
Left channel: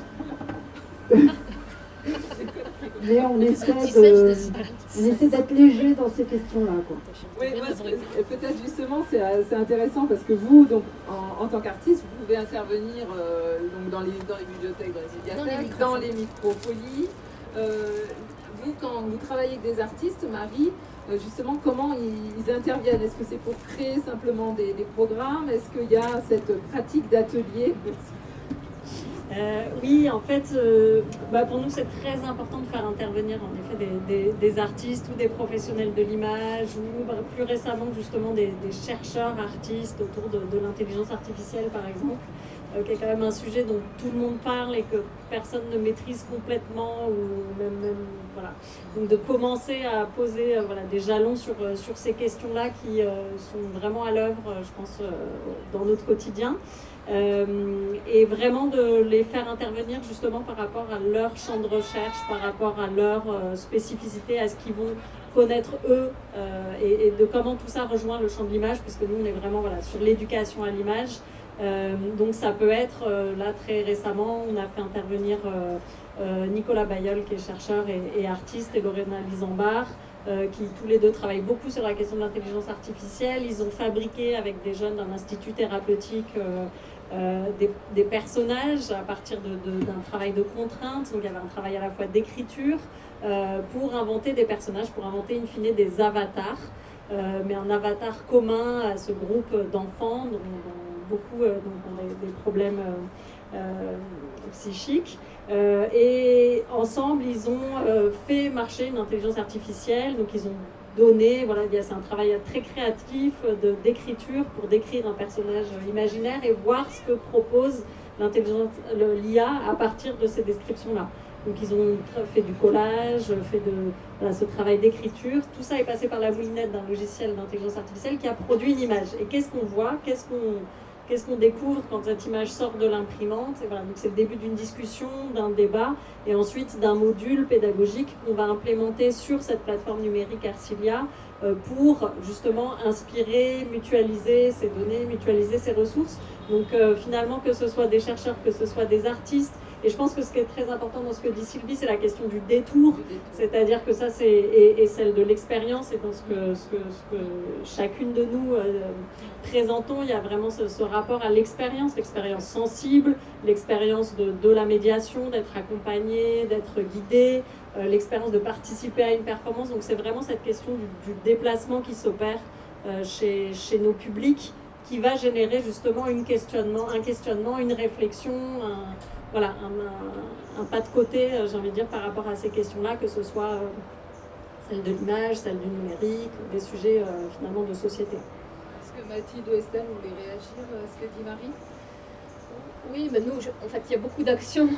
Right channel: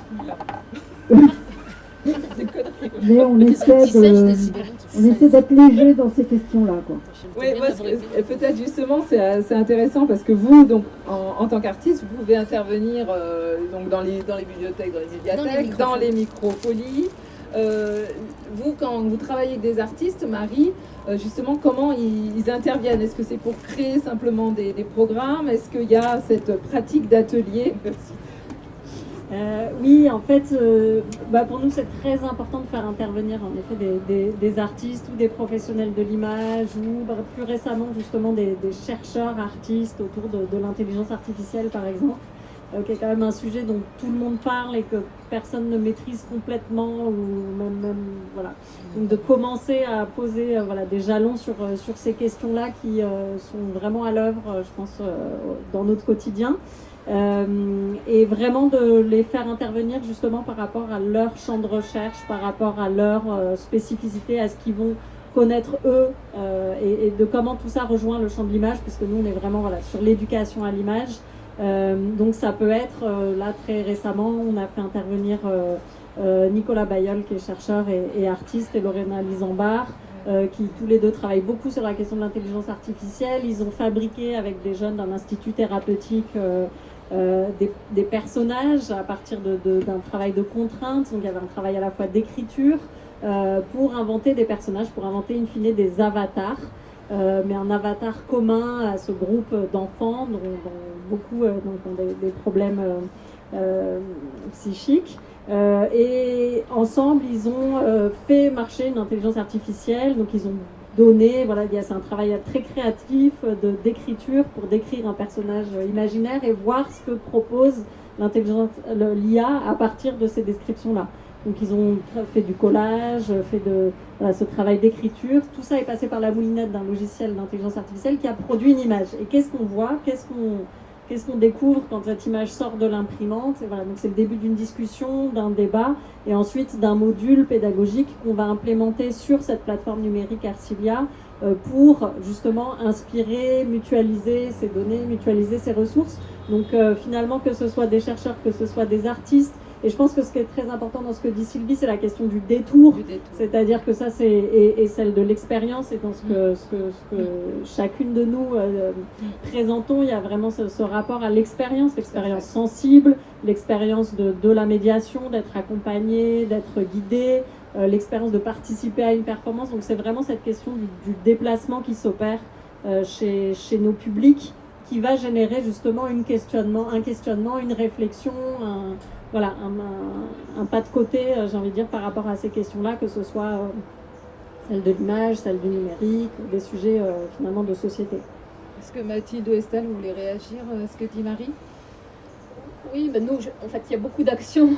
Mais on essaie d'être léger dans ces questions-là. Oui, peut-être justement c'est intéressant parce que vous, donc, en tant qu'artiste, vous pouvez intervenir donc dans les bibliothèques, dans les médiathèques, dans les microfolies. Vous, quand vous travaillez avec des artistes, Marie, justement, comment ils interviennent? Est-ce que c'est pour créer simplement des programmes? Est-ce qu'il y a cette pratique d'atelier? Oui, en fait, pour nous, c'est très important de faire intervenir en effet des artistes ou des professionnels de l'image ou plus récemment justement des chercheurs artistes autour de l'intelligence artificielle, par exemple, qui est quand même un sujet dont tout le monde parle et que personne ne maîtrise complètement, ou même voilà. Donc de commencer à poser des jalons sur ces questions-là qui sont vraiment à l'œuvre, je pense, dans notre quotidien. Et vraiment de les faire intervenir justement par rapport à leur champ de recherche, par rapport à leur spécificité, à ce qu'ils vont connaître eux, et de comment tout ça rejoint le champ de l'image, puisque nous on est vraiment sur l'éducation à l'image. Donc ça peut être, là très récemment, on a fait intervenir Nicolas Bayeul, qui est chercheur et artiste, et Lorena Lisambard, qui tous les deux travaillent beaucoup sur la question de l'intelligence artificielle. Ils ont fabriqué avec des jeunes d'un institut thérapeutique des personnages à partir d'un travail de contrainte. Donc il y avait un travail à la fois d'écriture pour inventer des personnages, pour inventer in fine des avatars, mais un avatar commun à ce groupe d'enfants dont beaucoup ont des problèmes psychiques. Et ensemble, ils ont fait marcher une intelligence artificielle. Donc ils ont donné, c'est un travail très créatif d'écriture pour décrire un personnage imaginaire et voir ce que propose l'IA à partir de ces descriptions-là. Donc ils ont fait du collage, fait ce travail d'écriture. Tout ça est passé par la moulinette d'un logiciel d'intelligence artificielle qui a produit une image. Et qu'est-ce qu'on voit, qu'est-ce qu'on découvre quand cette image sort de l'imprimante? Et voilà, donc c'est le début d'une discussion, d'un débat, et ensuite d'un module pédagogique qu'on va implémenter sur cette plateforme numérique Arcilia pour justement inspirer, mutualiser ces données, mutualiser ces ressources. Donc finalement, que ce soit des chercheurs, que ce soit des artistes. Et je pense que ce qui est très important dans ce que dit Sylvie, c'est la question du détour. C'est-à-dire que ça, c'est celle de l'expérience, et dans ce que chacune de nous présentons, il y a vraiment ce rapport à l'expérience sensible, l'expérience de la médiation, d'être accompagné, d'être guidé, l'expérience de participer à une performance. Donc c'est vraiment cette question du déplacement qui s'opère chez nos publics, qui va générer justement un questionnement, une réflexion, un pas de côté, j'ai envie de dire, par rapport à ces questions-là, que ce soit celle de l'image, celle du numérique, des sujets finalement de société. Est-ce que Mathilde ou Estelle voulez réagir à ce que dit Marie? Oui, mais nous, en fait, il y a beaucoup d'actions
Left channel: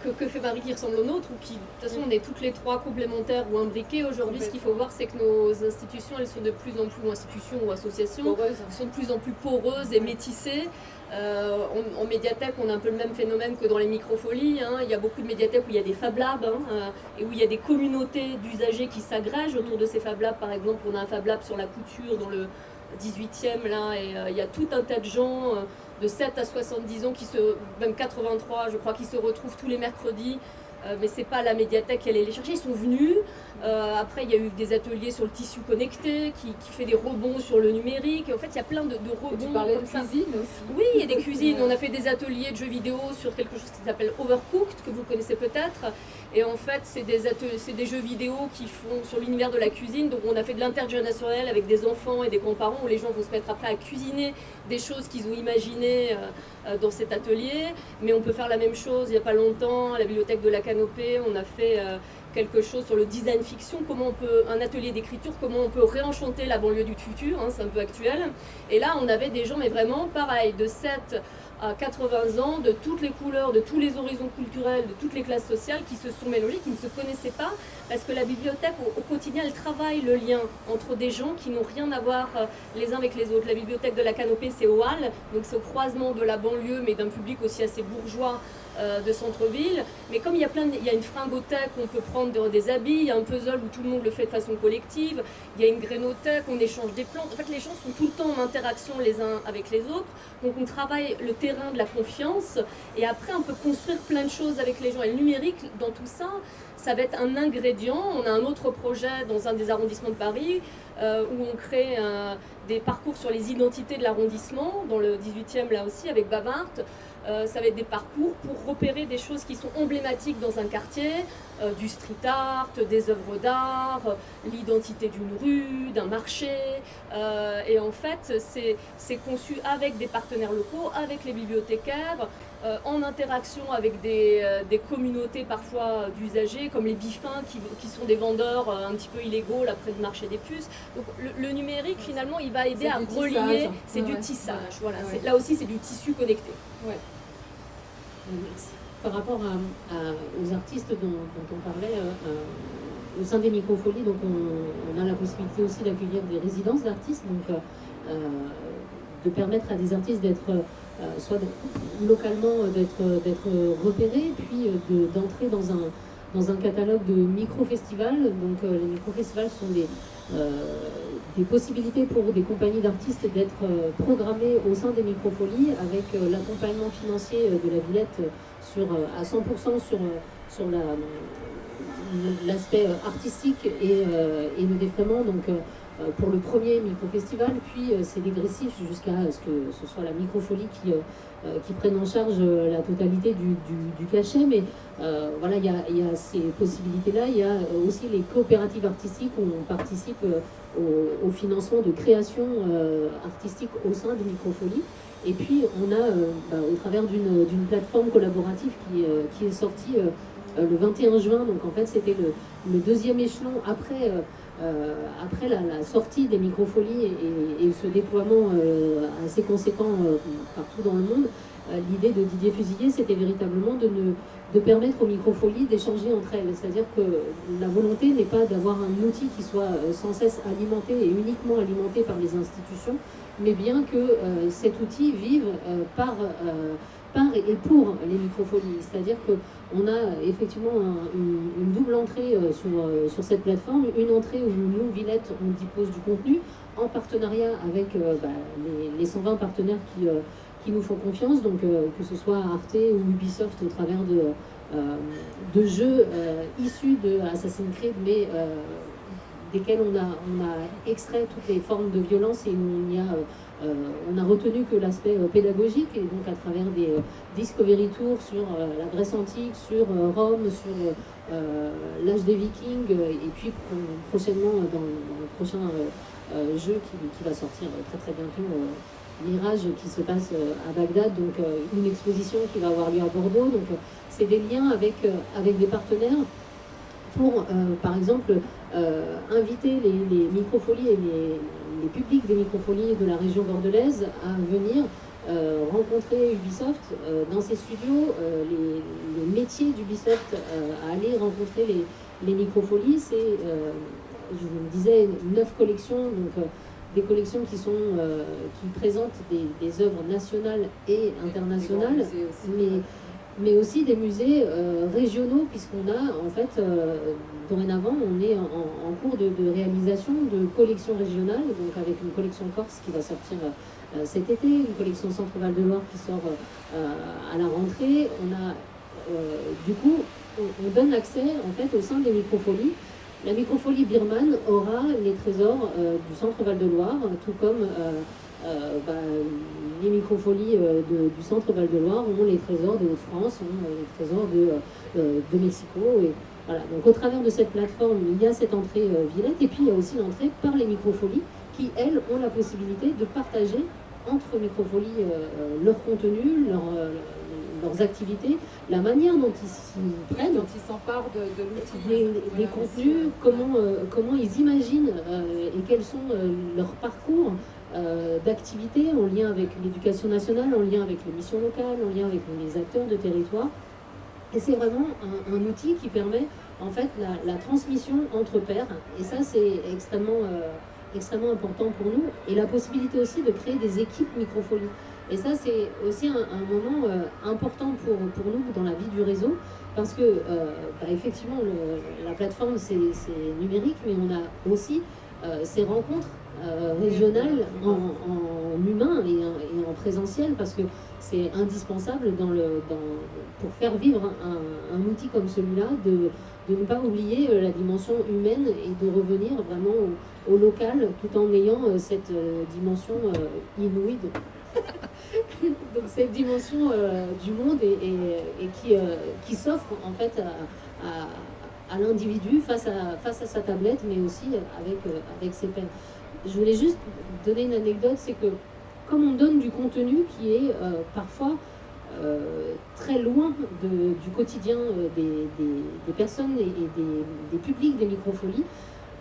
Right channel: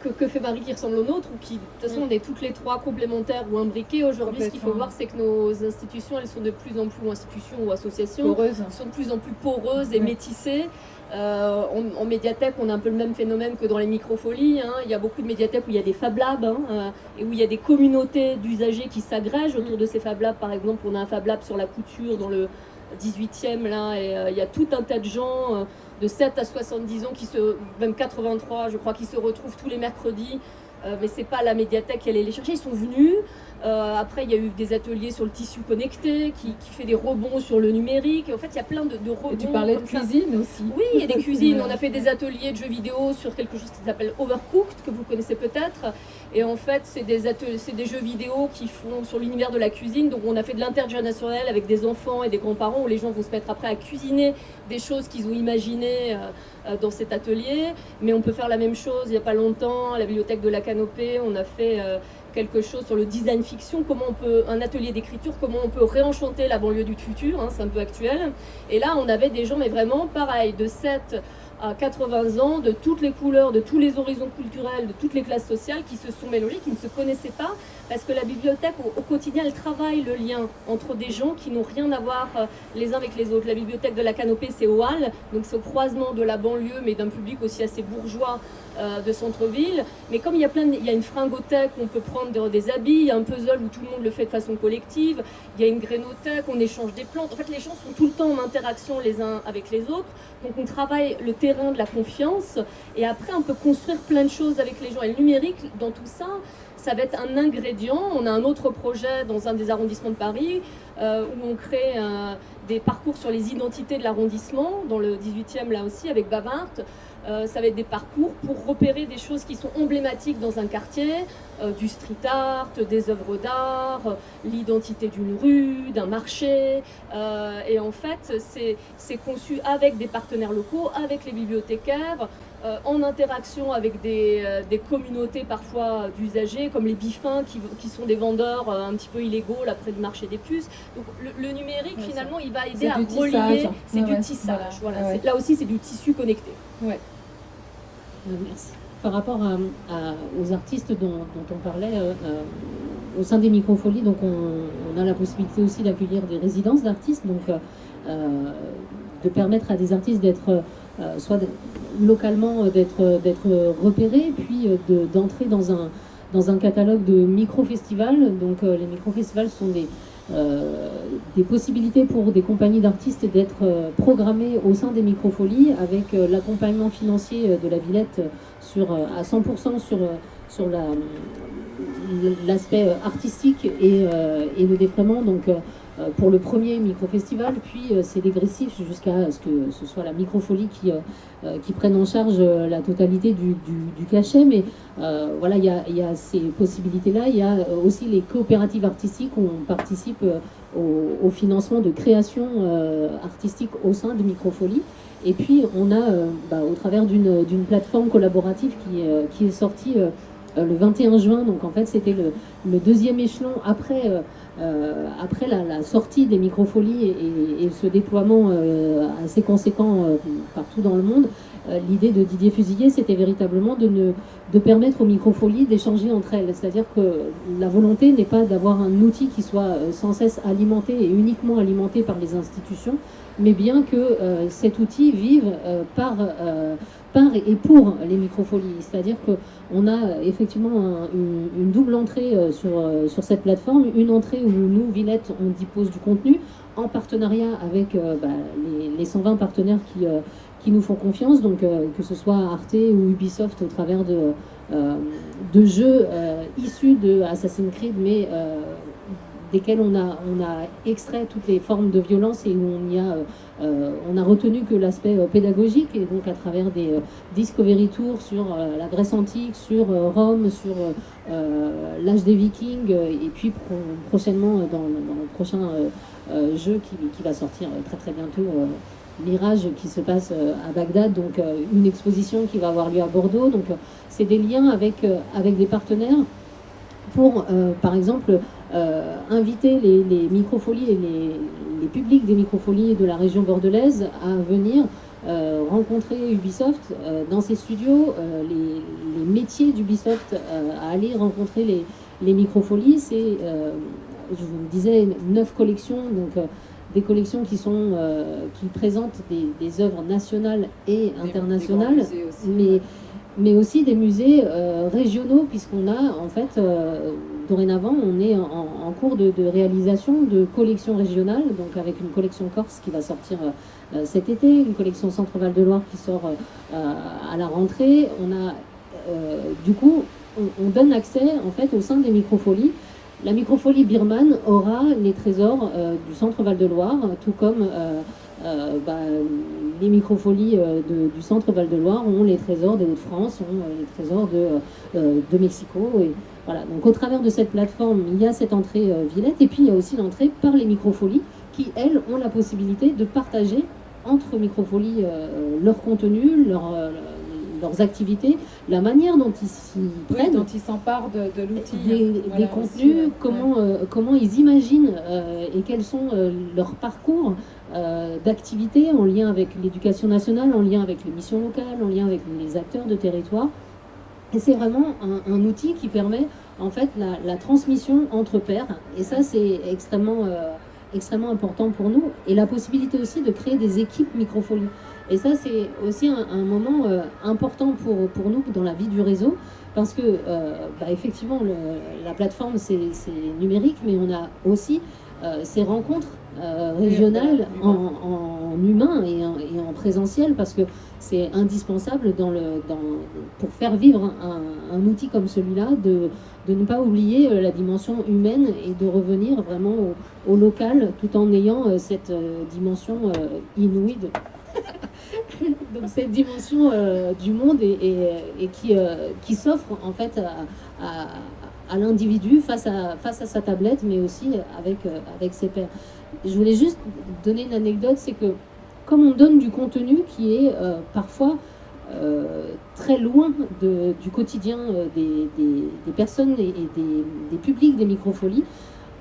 que fait Marie qui ressemblent aux nôtres, ou qui, de toute façon, on est toutes les trois complémentaires ou imbriquées. Aujourd'hui, ce qu'il faut voir, c'est que nos institutions, elles sont de plus en plus, institutions ou associations, sont de plus en plus poreuses et métissées. En médiathèque, on a un peu le même phénomène que dans les microfolies. Il y a beaucoup de médiathèques où il y a des Fab Labs, et où il y a des communautés d'usagers qui s'agrègent autour de ces Fab Labs. Par exemple, on a un Fab Lab sur la couture dans le 18e, là, et il y a tout un tas de gens de 7 à 70 ans, même 83, je crois, qui se retrouvent tous les mercredis. Mais c'est pas la médiathèque qui allait les chercher, ils sont venus. Après, il y a eu des ateliers sur le tissu connecté qui fait des rebonds sur le numérique. En fait, il y a plein de rebonds. Et tu parlais de cuisine aussi. Oui, il y a des cuisines. On a fait des ateliers de jeux vidéo sur quelque chose qui s'appelle Overcooked, que vous connaissez peut-être. Et en fait, c'est des jeux vidéo qui font sur l'univers de la cuisine. Donc on a fait de l'intergénérationnel avec des enfants et des grands-parents où les gens vont se mettre après à cuisiner des choses qu'ils ont imaginées dans cet atelier. Mais on peut faire la même chose. Il n'y a pas longtemps, à la bibliothèque de la Canopée, on a fait quelque chose sur le design fiction, un atelier d'écriture, comment on peut réenchanter la banlieue du futur, hein, c'est un peu actuel. Et là, on avait des gens, mais vraiment pareil, de 7 à 80 ans, de toutes les couleurs, de tous les horizons culturels, de toutes les classes sociales qui se sont mélangés, qui ne se connaissaient pas, parce que la bibliothèque, au quotidien, elle travaille le lien entre des gens qui n'ont rien à voir les uns avec les autres. La bibliothèque de la Canopée, c'est au Halles, donc c'est au croisement de la banlieue, mais d'un public aussi assez bourgeois de centre-ville. Mais comme il y a une fringothèque où on peut prendre des habits, il y a un puzzle où tout le monde le fait de façon collective, il y a une grénothèque, on échange des plantes. En fait, les gens sont tout le temps en interaction les uns avec les autres. Donc on travaille le terrain de la confiance et après on peut construire plein de choses avec les gens. Et le numérique, dans tout ça, ça va être un ingrédient. On a un autre projet dans un des arrondissements de Paris où on crée des parcours sur les identités de l'arrondissement, dans le 18e là aussi, avec Bavart. Ça va être des parcours pour repérer des choses qui sont emblématiques dans un quartier, du street art, des œuvres d'art, l'identité d'une rue, d'un marché. Et en fait, c'est conçu avec des partenaires locaux, avec les bibliothécaires, en interaction avec des communautés parfois d'usagers, comme les bifins qui sont des vendeurs un petit peu illégaux là près du marché des puces. Donc le numérique, finalement, il va aider à relier. C'est du tissage. Voilà. Là aussi, c'est du tissu connecté. Ouais. Merci. Par rapport aux artistes dont on parlait, au sein des microfolies, donc on a la possibilité aussi d'accueillir des résidences d'artistes, donc de permettre à des artistes d'être soit localement d'être repérés, puis d'entrer dans un catalogue de micro-festivals. Donc les micro-festivals sont des possibilités pour des compagnies d'artistes d'être programmées au sein des microfolies avec l'accompagnement financier de la Villette à 100% sur l'aspect artistique et le défraiement. Donc pour le premier micro-festival, puis c'est dégressif jusqu'à ce que ce soit la microfolie qui prenne en charge la totalité du cachet. Mais voilà, il y a ces possibilités-là. Il y a aussi les coopératives artistiques où on participe au financement de création artistique au sein de microfolies. Et puis on a, au travers d'une plateforme collaborative qui est sortie le 21 juin, donc en fait c'était le deuxième échelon après la sortie des microfolies et ce déploiement assez conséquent partout dans le monde. L'idée de Didier Fusilier, c'était véritablement de permettre aux microfolies d'échanger entre elles. C'est-à-dire que la volonté n'est pas d'avoir un outil qui soit sans cesse alimenté et uniquement alimenté par les institutions, mais bien que cet outil vive par et pour les microfolies. C'est-à-dire qu'on a effectivement une double entrée sur cette plateforme, une entrée où nous, Villette, on dispose du contenu en partenariat avec les 120 partenaires qui nous font confiance, donc que ce soit Arte ou Ubisoft au travers de jeux issus de Assassin's Creed, mais desquels on a extrait toutes les formes de violence et où on a retenu que l'aspect pédagogique, et donc à travers des Discovery Tours sur la Grèce antique, sur Rome, sur l'âge des Vikings, et puis prochainement dans le prochain jeu qui va sortir très très bientôt, Mirage, qui se passe à Bagdad, donc une exposition qui va avoir lieu à Bordeaux. Donc c'est des liens avec des partenaires pour, par exemple, inviter les microfolies et les publics des microfolies de la région bordelaise à venir rencontrer Ubisoft dans ses studios, les métiers d'Ubisoft, à aller rencontrer les microfolies. C'est, je vous disais, 9 collections, donc des collections qui présentent des œuvres nationales et internationales, mais aussi des musées régionaux, puisqu'on a, en fait, dorénavant, on est en cours de réalisation de collections régionales, donc avec une collection Corse qui va sortir cet été, une collection Centre-Val de Loire qui sort à la rentrée. On a, du coup, on donne accès, en fait, au sein des microfolies. La microfolie birmane aura les trésors du Centre Val de Loire, tout comme les microfolies du centre Val-de-Loire ont les trésors de Hauts-de-France, ont les trésors de Mexico. Et voilà. Donc au travers de cette plateforme, il y a cette entrée Villette, et puis il y a aussi l'entrée par les microfolies qui, elles, ont la possibilité de partager entre microfolies leur contenu, leurs activités, la manière dont ils s'y prennent, dont ils s'emparent de l'outil, des contenus, comment ils imaginent et quels sont leurs parcours d'activités en lien avec l'éducation nationale, en lien avec les missions locales, en lien avec les acteurs de territoire. Et c'est vraiment un outil qui permet en fait la transmission entre pairs, et ça c'est extrêmement important pour nous, et la possibilité aussi de créer des équipes microfolies. Et ça, c'est aussi un moment important pour nous dans la vie du réseau, parce que, effectivement, la plateforme, c'est numérique, mais on a aussi ces rencontres régionales en humain et en présentiel, parce que c'est indispensable pour faire vivre un outil comme celui-là, de ne pas oublier la dimension humaine et de revenir vraiment au local, tout en ayant cette dimension inouïe donc cette dimension du monde et qui s'offre en fait à l'individu face à sa tablette, mais aussi avec ses pairs. Je voulais juste donner une anecdote, c'est que comme on donne du contenu qui est parfois très loin du quotidien des personnes et des publics des microfolies,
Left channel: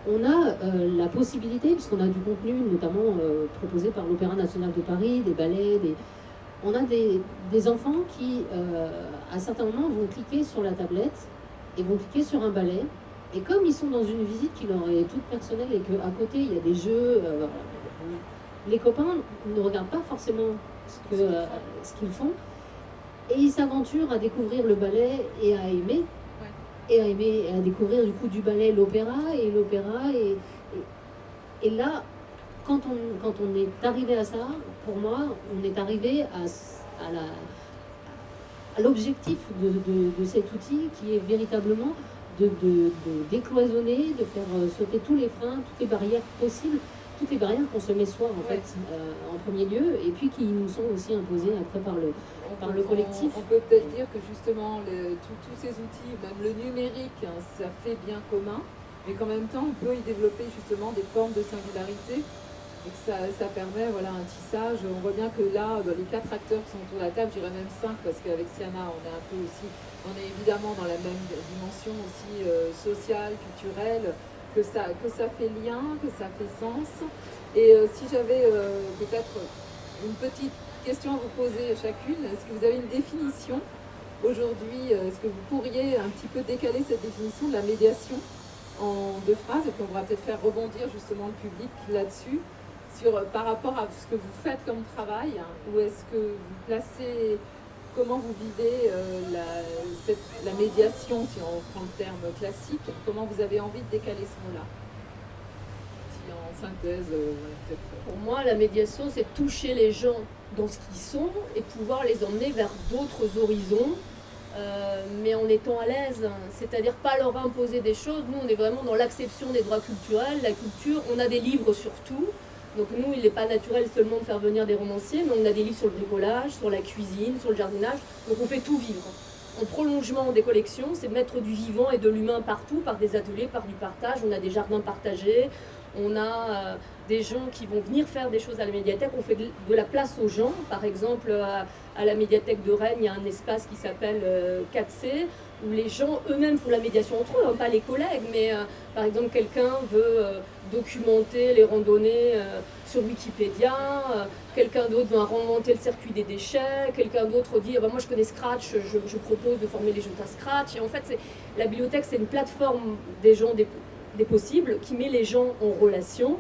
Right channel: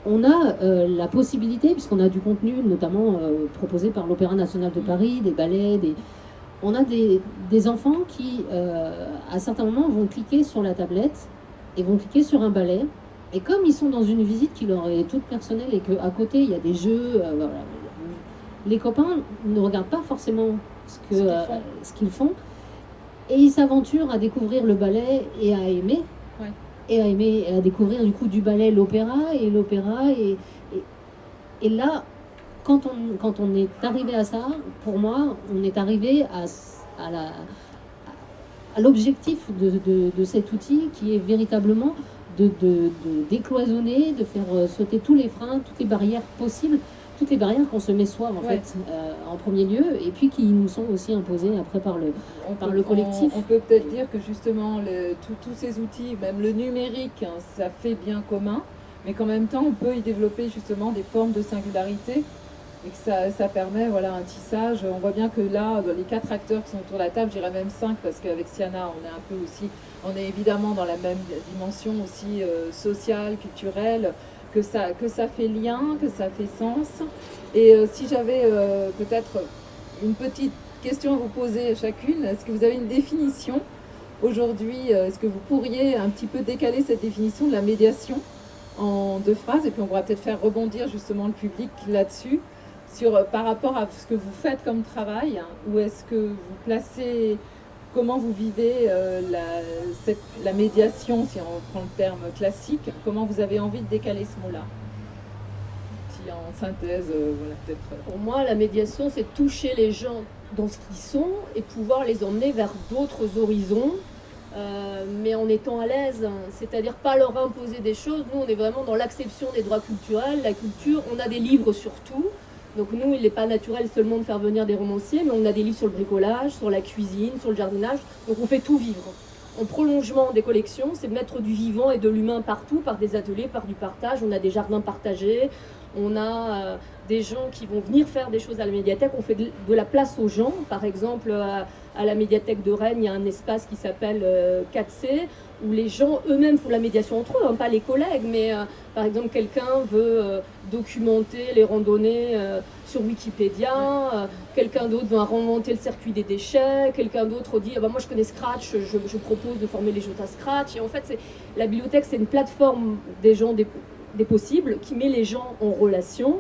on a la possibilité, puisqu'on a du contenu notamment proposé par l'Opéra National de Paris, des ballets, on a des enfants qui, à certains moments, vont cliquer sur la tablette et vont cliquer sur un ballet. Et comme ils sont dans une visite qui leur est toute personnelle et qu'à côté, il y a des jeux, voilà, les copains ne regardent pas forcément ce qu'ils font. Et ils s'aventurent à découvrir le ballet et à aimer. Ouais. Et à découvrir du coup du ballet l'opéra. Et là, quand on est arrivé à ça, pour moi, on est arrivé à l'objectif de cet outil qui est véritablement de décloisonner, de faire sauter tous les freins, toutes les barrières possibles, toutes les barrières qu'on se met soi en fait en premier lieu, et puis qui nous sont aussi imposées après par le collectif. On peut peut-être dire que justement tous ces outils, même le numérique, hein, ça fait bien commun, mais qu'en même temps on peut y développer justement des formes de singularité et que ça permet un tissage. On voit bien que là, les 4 acteurs qui sont autour de la table, je dirais même 5, parce qu'avec Siana on est évidemment dans la même dimension aussi sociale, culturelle, que ça fait lien, que ça fait sens. Et si j'avais peut-être une petite question à vous poser chacune, est-ce que vous avez une définition aujourd'hui? Est-ce que vous pourriez un petit peu décaler cette définition de la médiation en 2 phrases, et puis on pourra peut-être faire rebondir justement le public là-dessus, par rapport à ce que vous faites comme travail, hein, ou est-ce que vous placez... Comment vous vivez la médiation, si on prend le terme classique? Comment vous avez envie de décaler ce mot-là? Si en synthèse, peut-être. Pour moi, la médiation, c'est toucher les gens dans ce qu'ils sont et pouvoir les emmener vers d'autres horizons, mais en étant à l'aise. C'est-à-dire pas leur imposer des choses. Nous, on est vraiment dans l'acception des droits culturels. La culture, on a des livres sur tout. Donc nous, il n'est pas naturel seulement de faire venir des romanciers, mais on a des livres sur le bricolage, sur la cuisine, sur le jardinage. Donc on fait tout vivre. En prolongement des collections, c'est mettre du vivant et de l'humain partout, par des ateliers, par du partage. On a des jardins partagés, on a des gens qui vont venir faire des choses à la médiathèque. On fait de la place aux gens. Par exemple, à la médiathèque de Rennes, il y a un espace qui s'appelle 4C, où les gens eux-mêmes font la médiation entre eux, hein, pas les collègues, mais par exemple quelqu'un veut documenter les randonnées sur Wikipédia, quelqu'un d'autre veut remonter le circuit des déchets, quelqu'un d'autre dit moi je connais Scratch, je propose de former les gens à Scratch. Et en fait la bibliothèque, c'est une plateforme des gens, des possibles, qui met les gens en relation.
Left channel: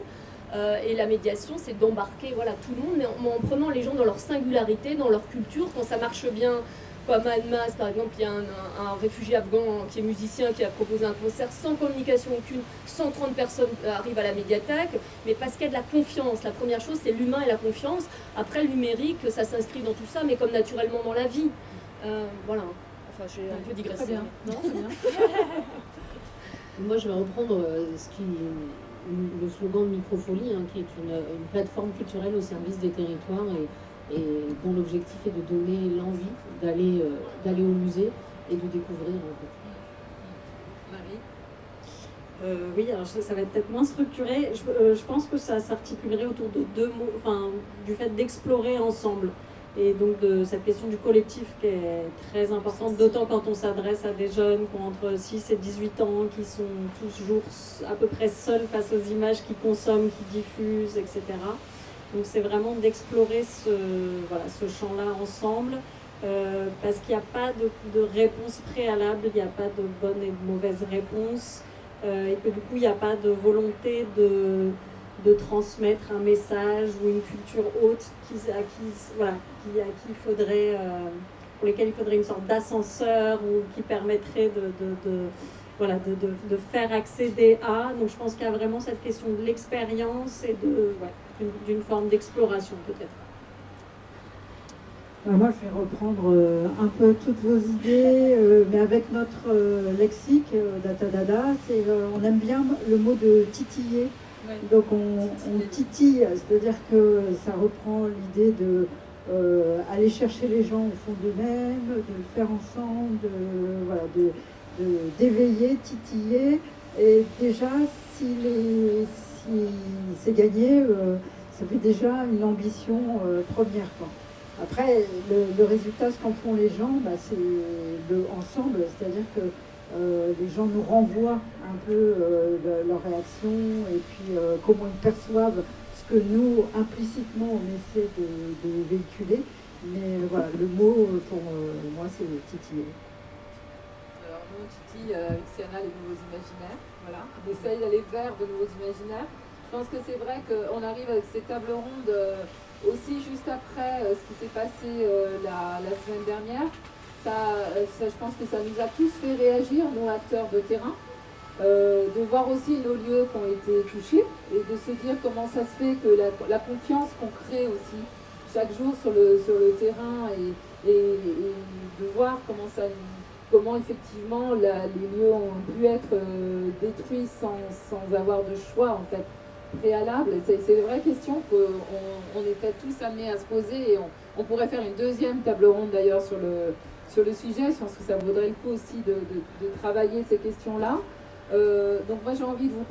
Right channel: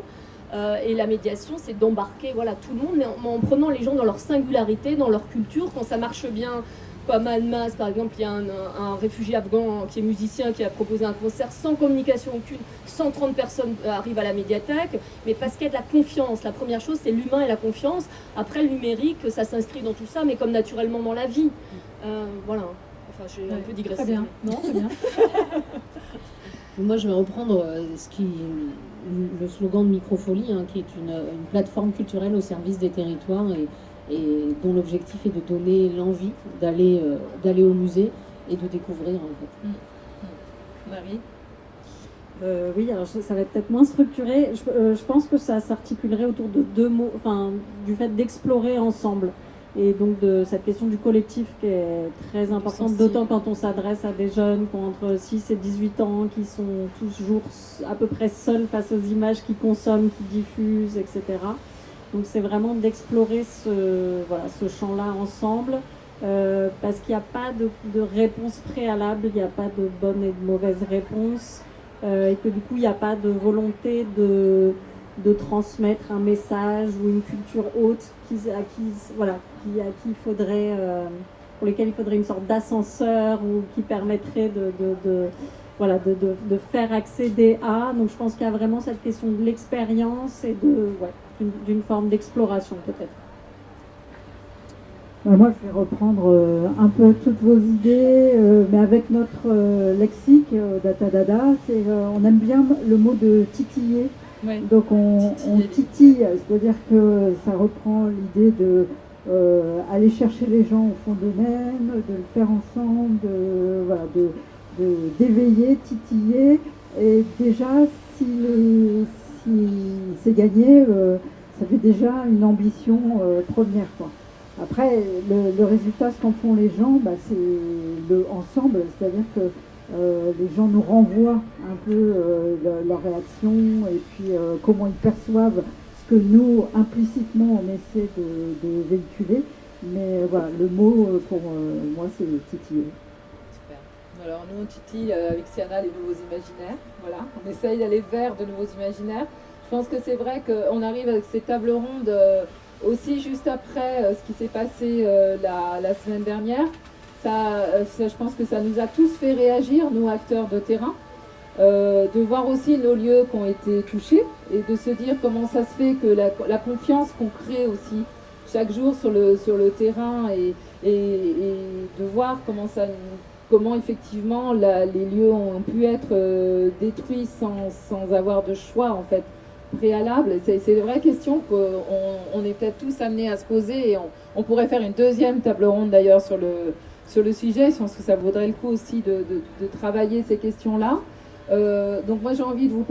Et la médiation, c'est d'embarquer tout le monde, mais en prenant les gens dans leur singularité, dans leur culture. Quand ça marche bien, comme à Annemasse, par exemple, il y a un réfugié afghan qui est musicien, qui a proposé un concert sans communication aucune. 130 personnes arrivent à la médiathèque, mais parce qu'il y a de la confiance. La première chose, c'est l'humain et la confiance. Après, le numérique, ça s'inscrit dans tout ça, mais comme naturellement dans la vie. Voilà. Enfin, j'ai un peu digressé. Très bien. Non, très bien. Moi, je vais reprendre le slogan de Microfolie, hein, qui est une plateforme culturelle au service des territoires et dont l'objectif est de donner l'envie d'aller au musée et de découvrir en fait. Marie? Oui, alors ça va être peut-être moins structuré. Je pense que ça s'articulerait autour de deux mots, enfin, du fait d'explorer ensemble. Et donc de cette question du collectif qui est très importante, d'autant quand on s'adresse à des jeunes qui ont entre 6 et 18 ans, qui sont toujours à peu près seuls face aux images qu'ils consomment, qu'ils diffusent, etc. Donc c'est vraiment d'explorer ce champ-là ensemble, parce qu'il n'y a pas de réponse préalable, il n'y a pas de bonne et de mauvaise réponse. Et que du coup il n'y a pas de volonté de transmettre un message ou une culture haute pour lesquels il faudrait une sorte d'ascenseur ou qui permettrait de faire accéder à. Donc je pense qu'il y a vraiment cette question de l'expérience et d'une forme d'exploration peut-être. Moi, je vais reprendre un peu toutes vos idées, mais avec notre lexique d'Atadada, on aime bien le mot de titiller. Oui. Donc on titille, c'est-à-dire que ça reprend l'idée de aller chercher les gens au fond d'eux-mêmes, de le faire ensemble, d'éveiller, titiller. Et déjà, si c'est gagné, ça fait déjà une ambition première, quoi. Après, le résultat, ce qu'en font les gens, c'est le ensemble, c'est-à-dire que les gens nous renvoient un peu leur réaction et puis comment ils perçoivent ce que nous, implicitement, on essaie de véhiculer. Mais voilà, le mot, pour moi, c'est le titiller. Alors nous, on titille avec Siana les nouveaux imaginaires. Voilà, on essaye d'aller vers de nouveaux imaginaires. Je pense que c'est vrai qu'on arrive avec ces tables rondes aussi juste après ce qui s'est passé la semaine dernière. Je pense que ça nous a tous fait réagir, nous acteurs de terrain, de voir aussi nos lieux qui ont été touchés et de se dire comment ça se fait que la confiance qu'on crée aussi chaque jour sur le terrain et de voir comment effectivement les lieux ont pu être détruits sans avoir de choix en fait préalable. C'est une vraie question qu'on était tous amenés à se poser et on pourrait faire une deuxième table ronde d'ailleurs sur le sujet. Je pense que ça vaudrait le coup aussi de travailler ces questions-là. Donc moi j'ai envie de vous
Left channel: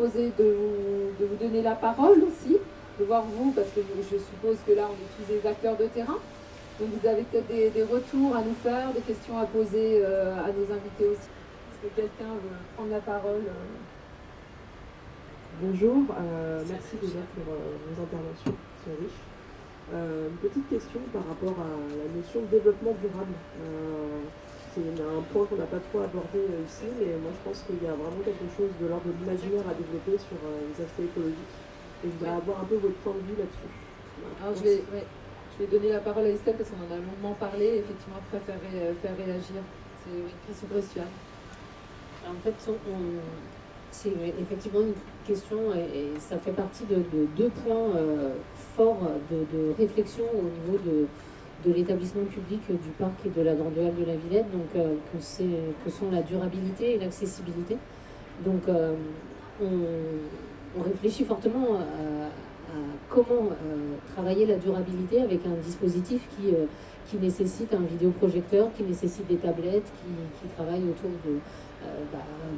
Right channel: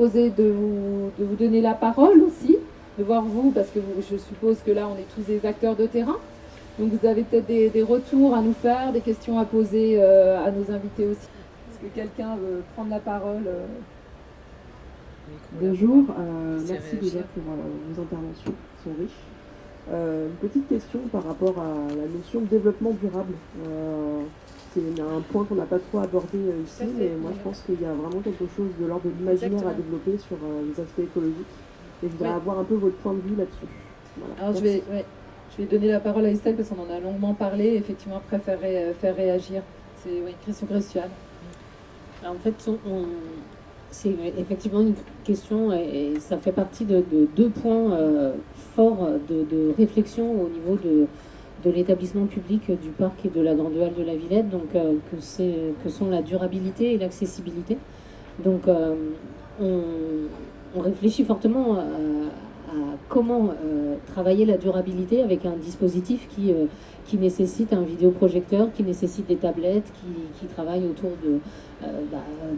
donner la parole aussi, de voir vous, parce que je suppose que là on est tous des acteurs de terrain. Donc vous avez peut-être des retours à nous faire, des questions à poser à nos invités aussi. Est-ce que quelqu'un veut prendre la parole Bonjour, merci déjà pour vos interventions qui sont riches. Une petite question par rapport à la notion de développement durable. C'est un point qu'on n'a pas trop abordé ici, mais moi je pense qu'il y a vraiment quelque chose de l'ordre de l'imaginaire à développer sur les aspects écologiques. Et je voudrais avoir un peu votre point de vue là-dessus. Voilà. Alors je vais donner la parole à Estelle parce qu'on en a longuement parlé, et effectivement après faire réagir. C'est une question cruciale. Alors, en fait, c'est effectivement une question et ça fait partie de deux points forts de réflexion au niveau de l'établissement public du parc et de la Grande Halle de la Villette, donc que sont la durabilité et l'accessibilité. Donc on réfléchit fortement à comment travailler la durabilité avec un dispositif qui nécessite un vidéoprojecteur, qui nécessite des tablettes, qui travaille autour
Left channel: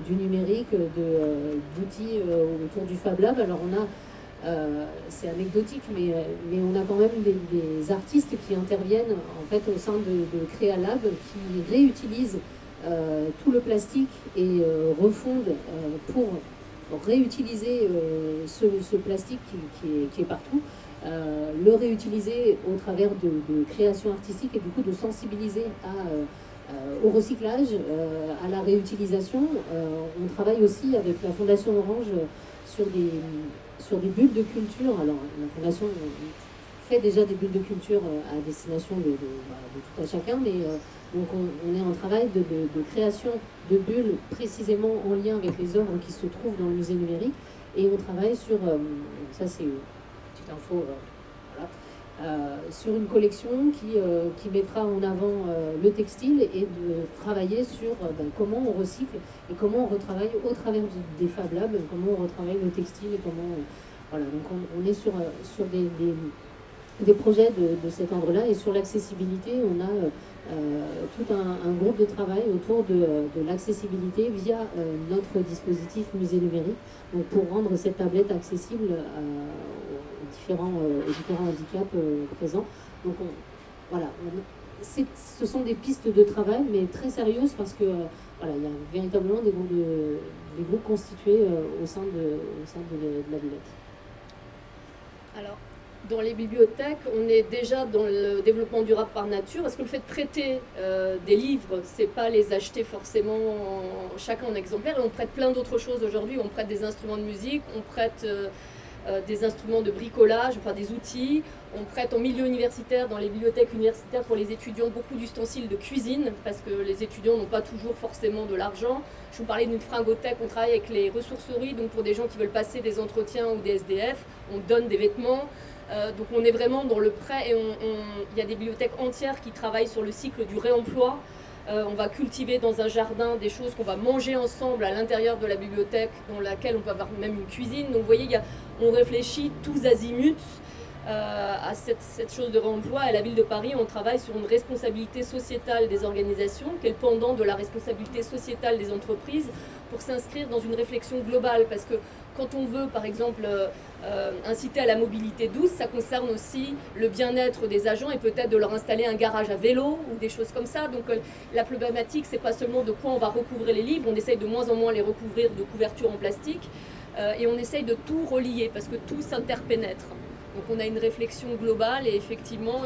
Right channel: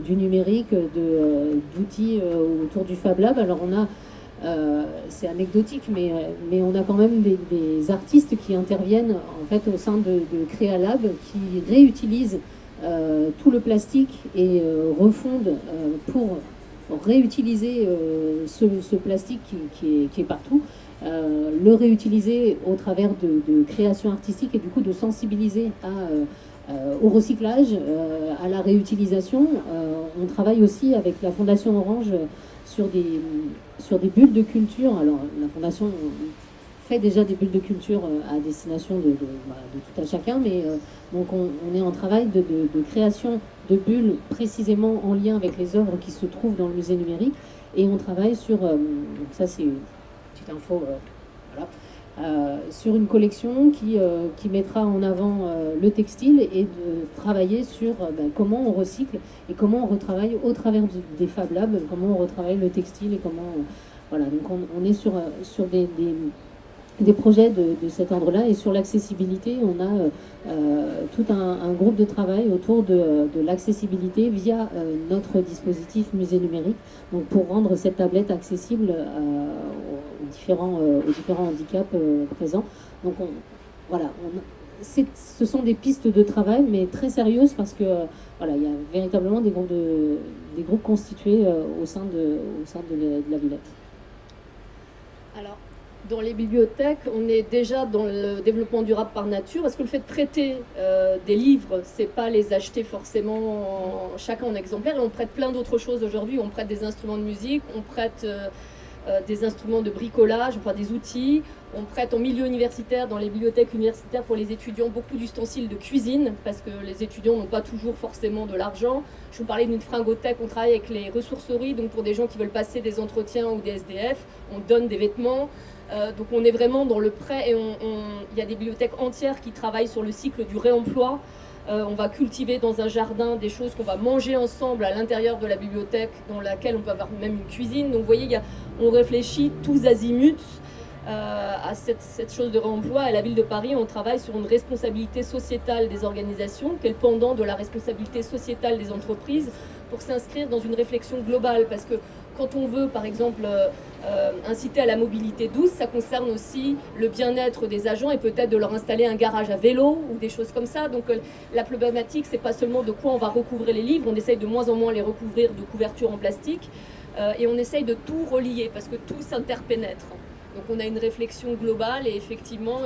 du numérique, d'outils autour du Fab Lab. Alors on a, c'est anecdotique, mais on a quand même des artistes qui interviennent en fait au sein de Créalab, qui réutilisent tout le plastique et refondent pour réutiliser ce plastique qui est partout, le réutiliser au travers de créations artistiques et du coup de sensibiliser au recyclage, à la réutilisation. On travaille aussi avec la Fondation Orange sur des bulles de culture. Alors la Fondation fait déjà des bulles de culture à destination de tout à chacun, mais donc on est en travail de création de bulles précisément en lien avec les œuvres qui se trouvent dans le musée numérique, et on travaille sur, ça c'est une petite info, voilà, sur une collection qui mettra en avant le textile et de travailler sur comment on recycle et comment on retravaille au travers des Fab Labs, comment on retravaille le textile et comment... voilà, donc on est sur des projets de cet ordre-là, et sur l'accessibilité, on a tout un groupe de travail autour de l'accessibilité via notre dispositif musée numérique, donc pour rendre cette tablette accessible aux différents handicaps présents. Donc ce sont des pistes de travail, mais très sérieuses, parce que voilà, il y a véritablement des groupes constitués au sein de la Villette. Alors, dans les bibliothèques, on est déjà dans le développement durable par nature, parce que le fait de prêter des livres, c'est pas les acheter forcément chacun en exemplaire, et on prête plein d'autres choses aujourd'hui. On prête des instruments de musique, on prête des instruments de bricolage, enfin des outils. On prête en milieu universitaire, dans les bibliothèques universitaires pour les étudiants, beaucoup d'ustensiles de cuisine, parce que les étudiants n'ont pas toujours forcément de l'argent. Je vous parlais d'une fringothèque, on travaille avec les ressourceries, donc pour des gens qui veulent passer des entretiens ou des SDF, on donne des vêtements. Donc on est vraiment dans le prêt, et il y a des bibliothèques entières qui travaillent sur le cycle du réemploi. On va cultiver dans un jardin des choses qu'on va manger ensemble à l'intérieur de la bibliothèque, dans laquelle on peut avoir même une cuisine. Donc vous voyez, on réfléchit tous azimuts à cette chose de réemploi. À la ville de Paris, on travaille sur une responsabilité sociétale des organisations, qui est le pendant de la responsabilité sociétale des entreprises, pour s'inscrire dans une réflexion globale. Parce que quand on veut, par exemple, inciter à la mobilité douce, ça concerne aussi le bien-être des agents, et peut-être de leur installer un garage à vélo ou des choses comme ça. Donc la problématique, c'est pas seulement de quoi on va recouvrir les livres, on essaye de moins en moins les recouvrir de couvertures en plastique, et on essaye de tout relier, parce que tout s'interpénètre. Donc on a une réflexion globale, et effectivement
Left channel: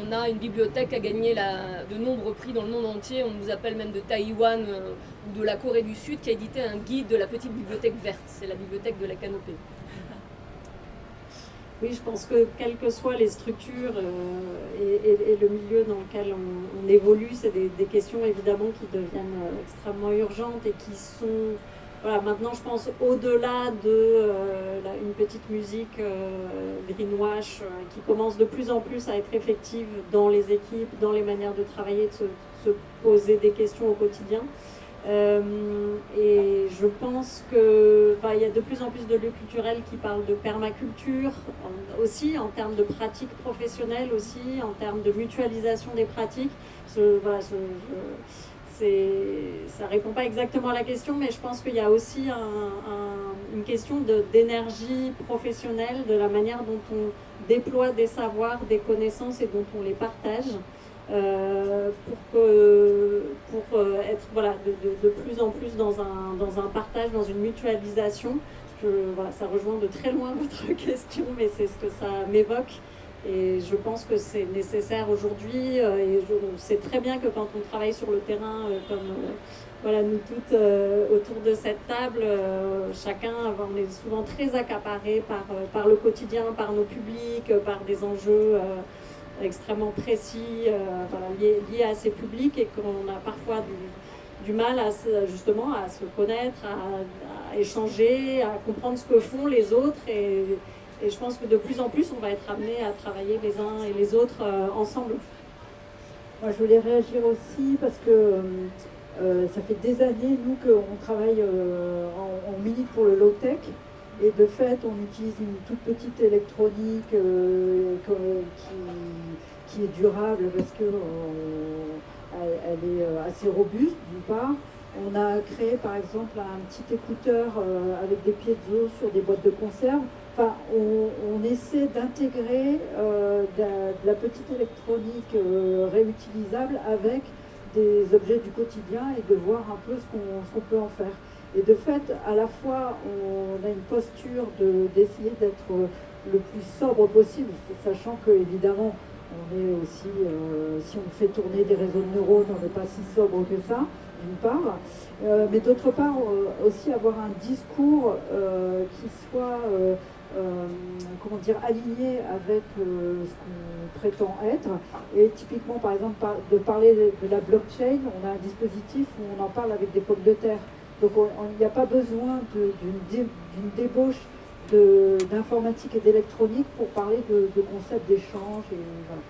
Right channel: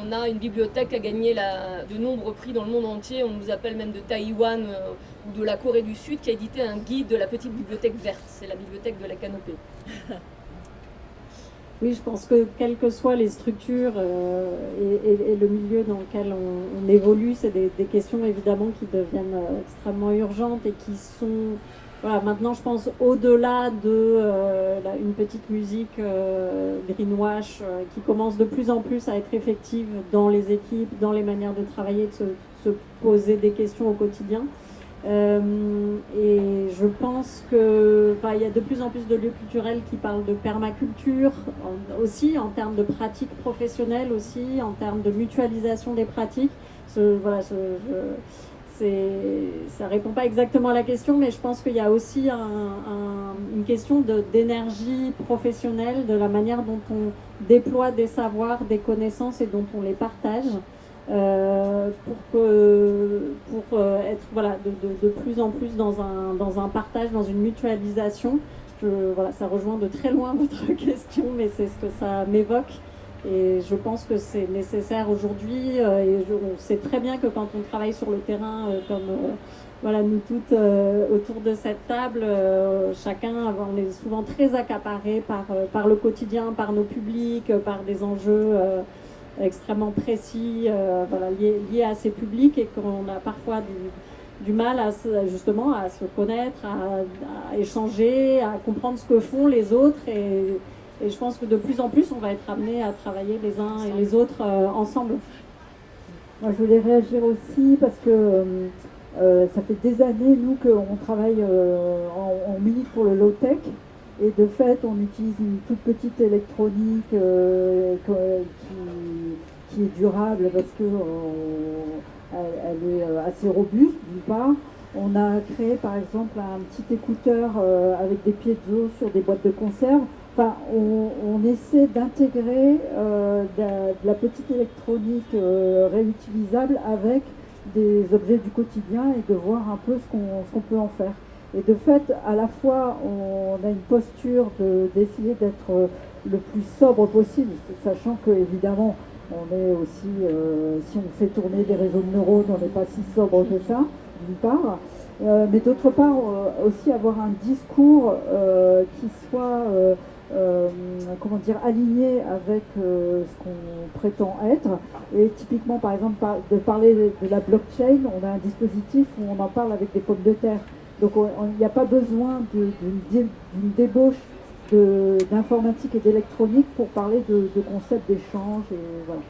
on a une bibliothèque qui a gagné de nombreux prix dans le monde entier. On nous appelle même de Taïwan ou de la Corée du Sud, qui a édité un guide de la petite bibliothèque verte. C'est la bibliothèque de la canopée. Oui, je pense que quelles que soient les structures et le milieu dans lequel on évolue, c'est des questions évidemment qui deviennent extrêmement urgentes, et qui sont... Voilà, maintenant je pense au-delà de une petite musique greenwash qui commence de plus en plus à être effective dans les équipes, dans les manières de travailler, de se poser des questions au quotidien. Et je pense que il y a de plus en plus de lieux culturels qui parlent de permaculture aussi, en termes de pratiques professionnelles aussi, en termes de mutualisation des pratiques. Ça répond pas exactement à la question, mais je pense qu'il y a aussi une question d'énergie professionnelle, de la manière dont on déploie des savoirs, des connaissances, et dont on les partage, pour être de plus en plus dans un partage, dans une mutualisation. Ça rejoint de très loin votre question, mais c'est ce que ça m'évoque. Et je pense que c'est nécessaire aujourd'hui, on sait très bien que quand on travaille sur le terrain, comme nous toutes autour de cette table, chacun, on est souvent très accaparé par le quotidien, par nos publics, par des enjeux extrêmement précis liés à ces publics, et qu'on a parfois du mal à se connaître, à échanger, à comprendre ce que font les autres. Et je pense que de plus en plus, on va être amené à travailler les uns et les autres ensemble. Moi, je voulais réagir aussi parce que ça fait des années, nous, qu'on travaille, on milite pour le low-tech. Et de fait, on utilise une toute petite électronique qui est durable, parce qu'elle est assez robuste, d'une part. On a créé, par exemple, un petit écouteur avec des piezo sur des boîtes de conserve. Enfin, on essaie d'intégrer de la petite électronique réutilisable avec des objets du quotidien, et de voir un peu ce qu'on peut en faire. Et de fait, à la fois, on a une posture d'essayer d'être le plus sobre possible, sachant que, évidemment, on est aussi, si on fait tourner des réseaux de neurones, on n'est pas si sobre que ça, d'une part. Mais d'autre part, aussi avoir un discours qui soit aligné avec ce qu'on prétend être. Et typiquement, par exemple, de parler de la blockchain, on a un dispositif où on en parle avec des pommes de terre. Donc il n'y a pas besoin d'une débauche d'informatique et d'électronique pour parler de concepts d'échange. Et voilà.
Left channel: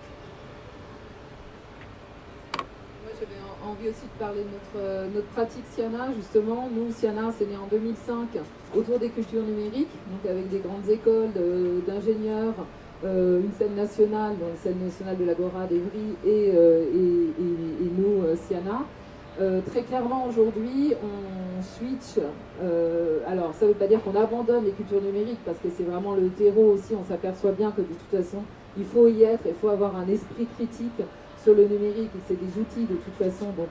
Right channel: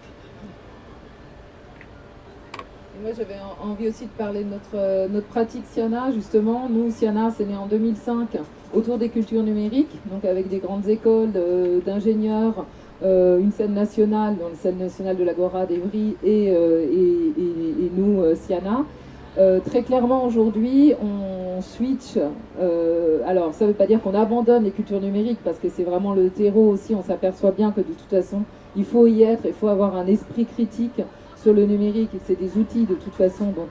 Moi, j'avais envie aussi de parler de notre pratique Siana, justement. Nous, Siana, c'est né en 2005 autour des cultures numériques, donc avec des grandes écoles d'ingénieurs, une scène nationale, donc la scène nationale de l'Agora d'Evry et nous, Siana. Très clairement, aujourd'hui, on switch. Alors, ça ne veut pas dire qu'on abandonne les cultures numériques, parce que c'est vraiment le terreau aussi. On s'aperçoit bien que de toute façon, il faut y être, il faut avoir un esprit critique sur le numérique, et c'est des outils de toute façon dont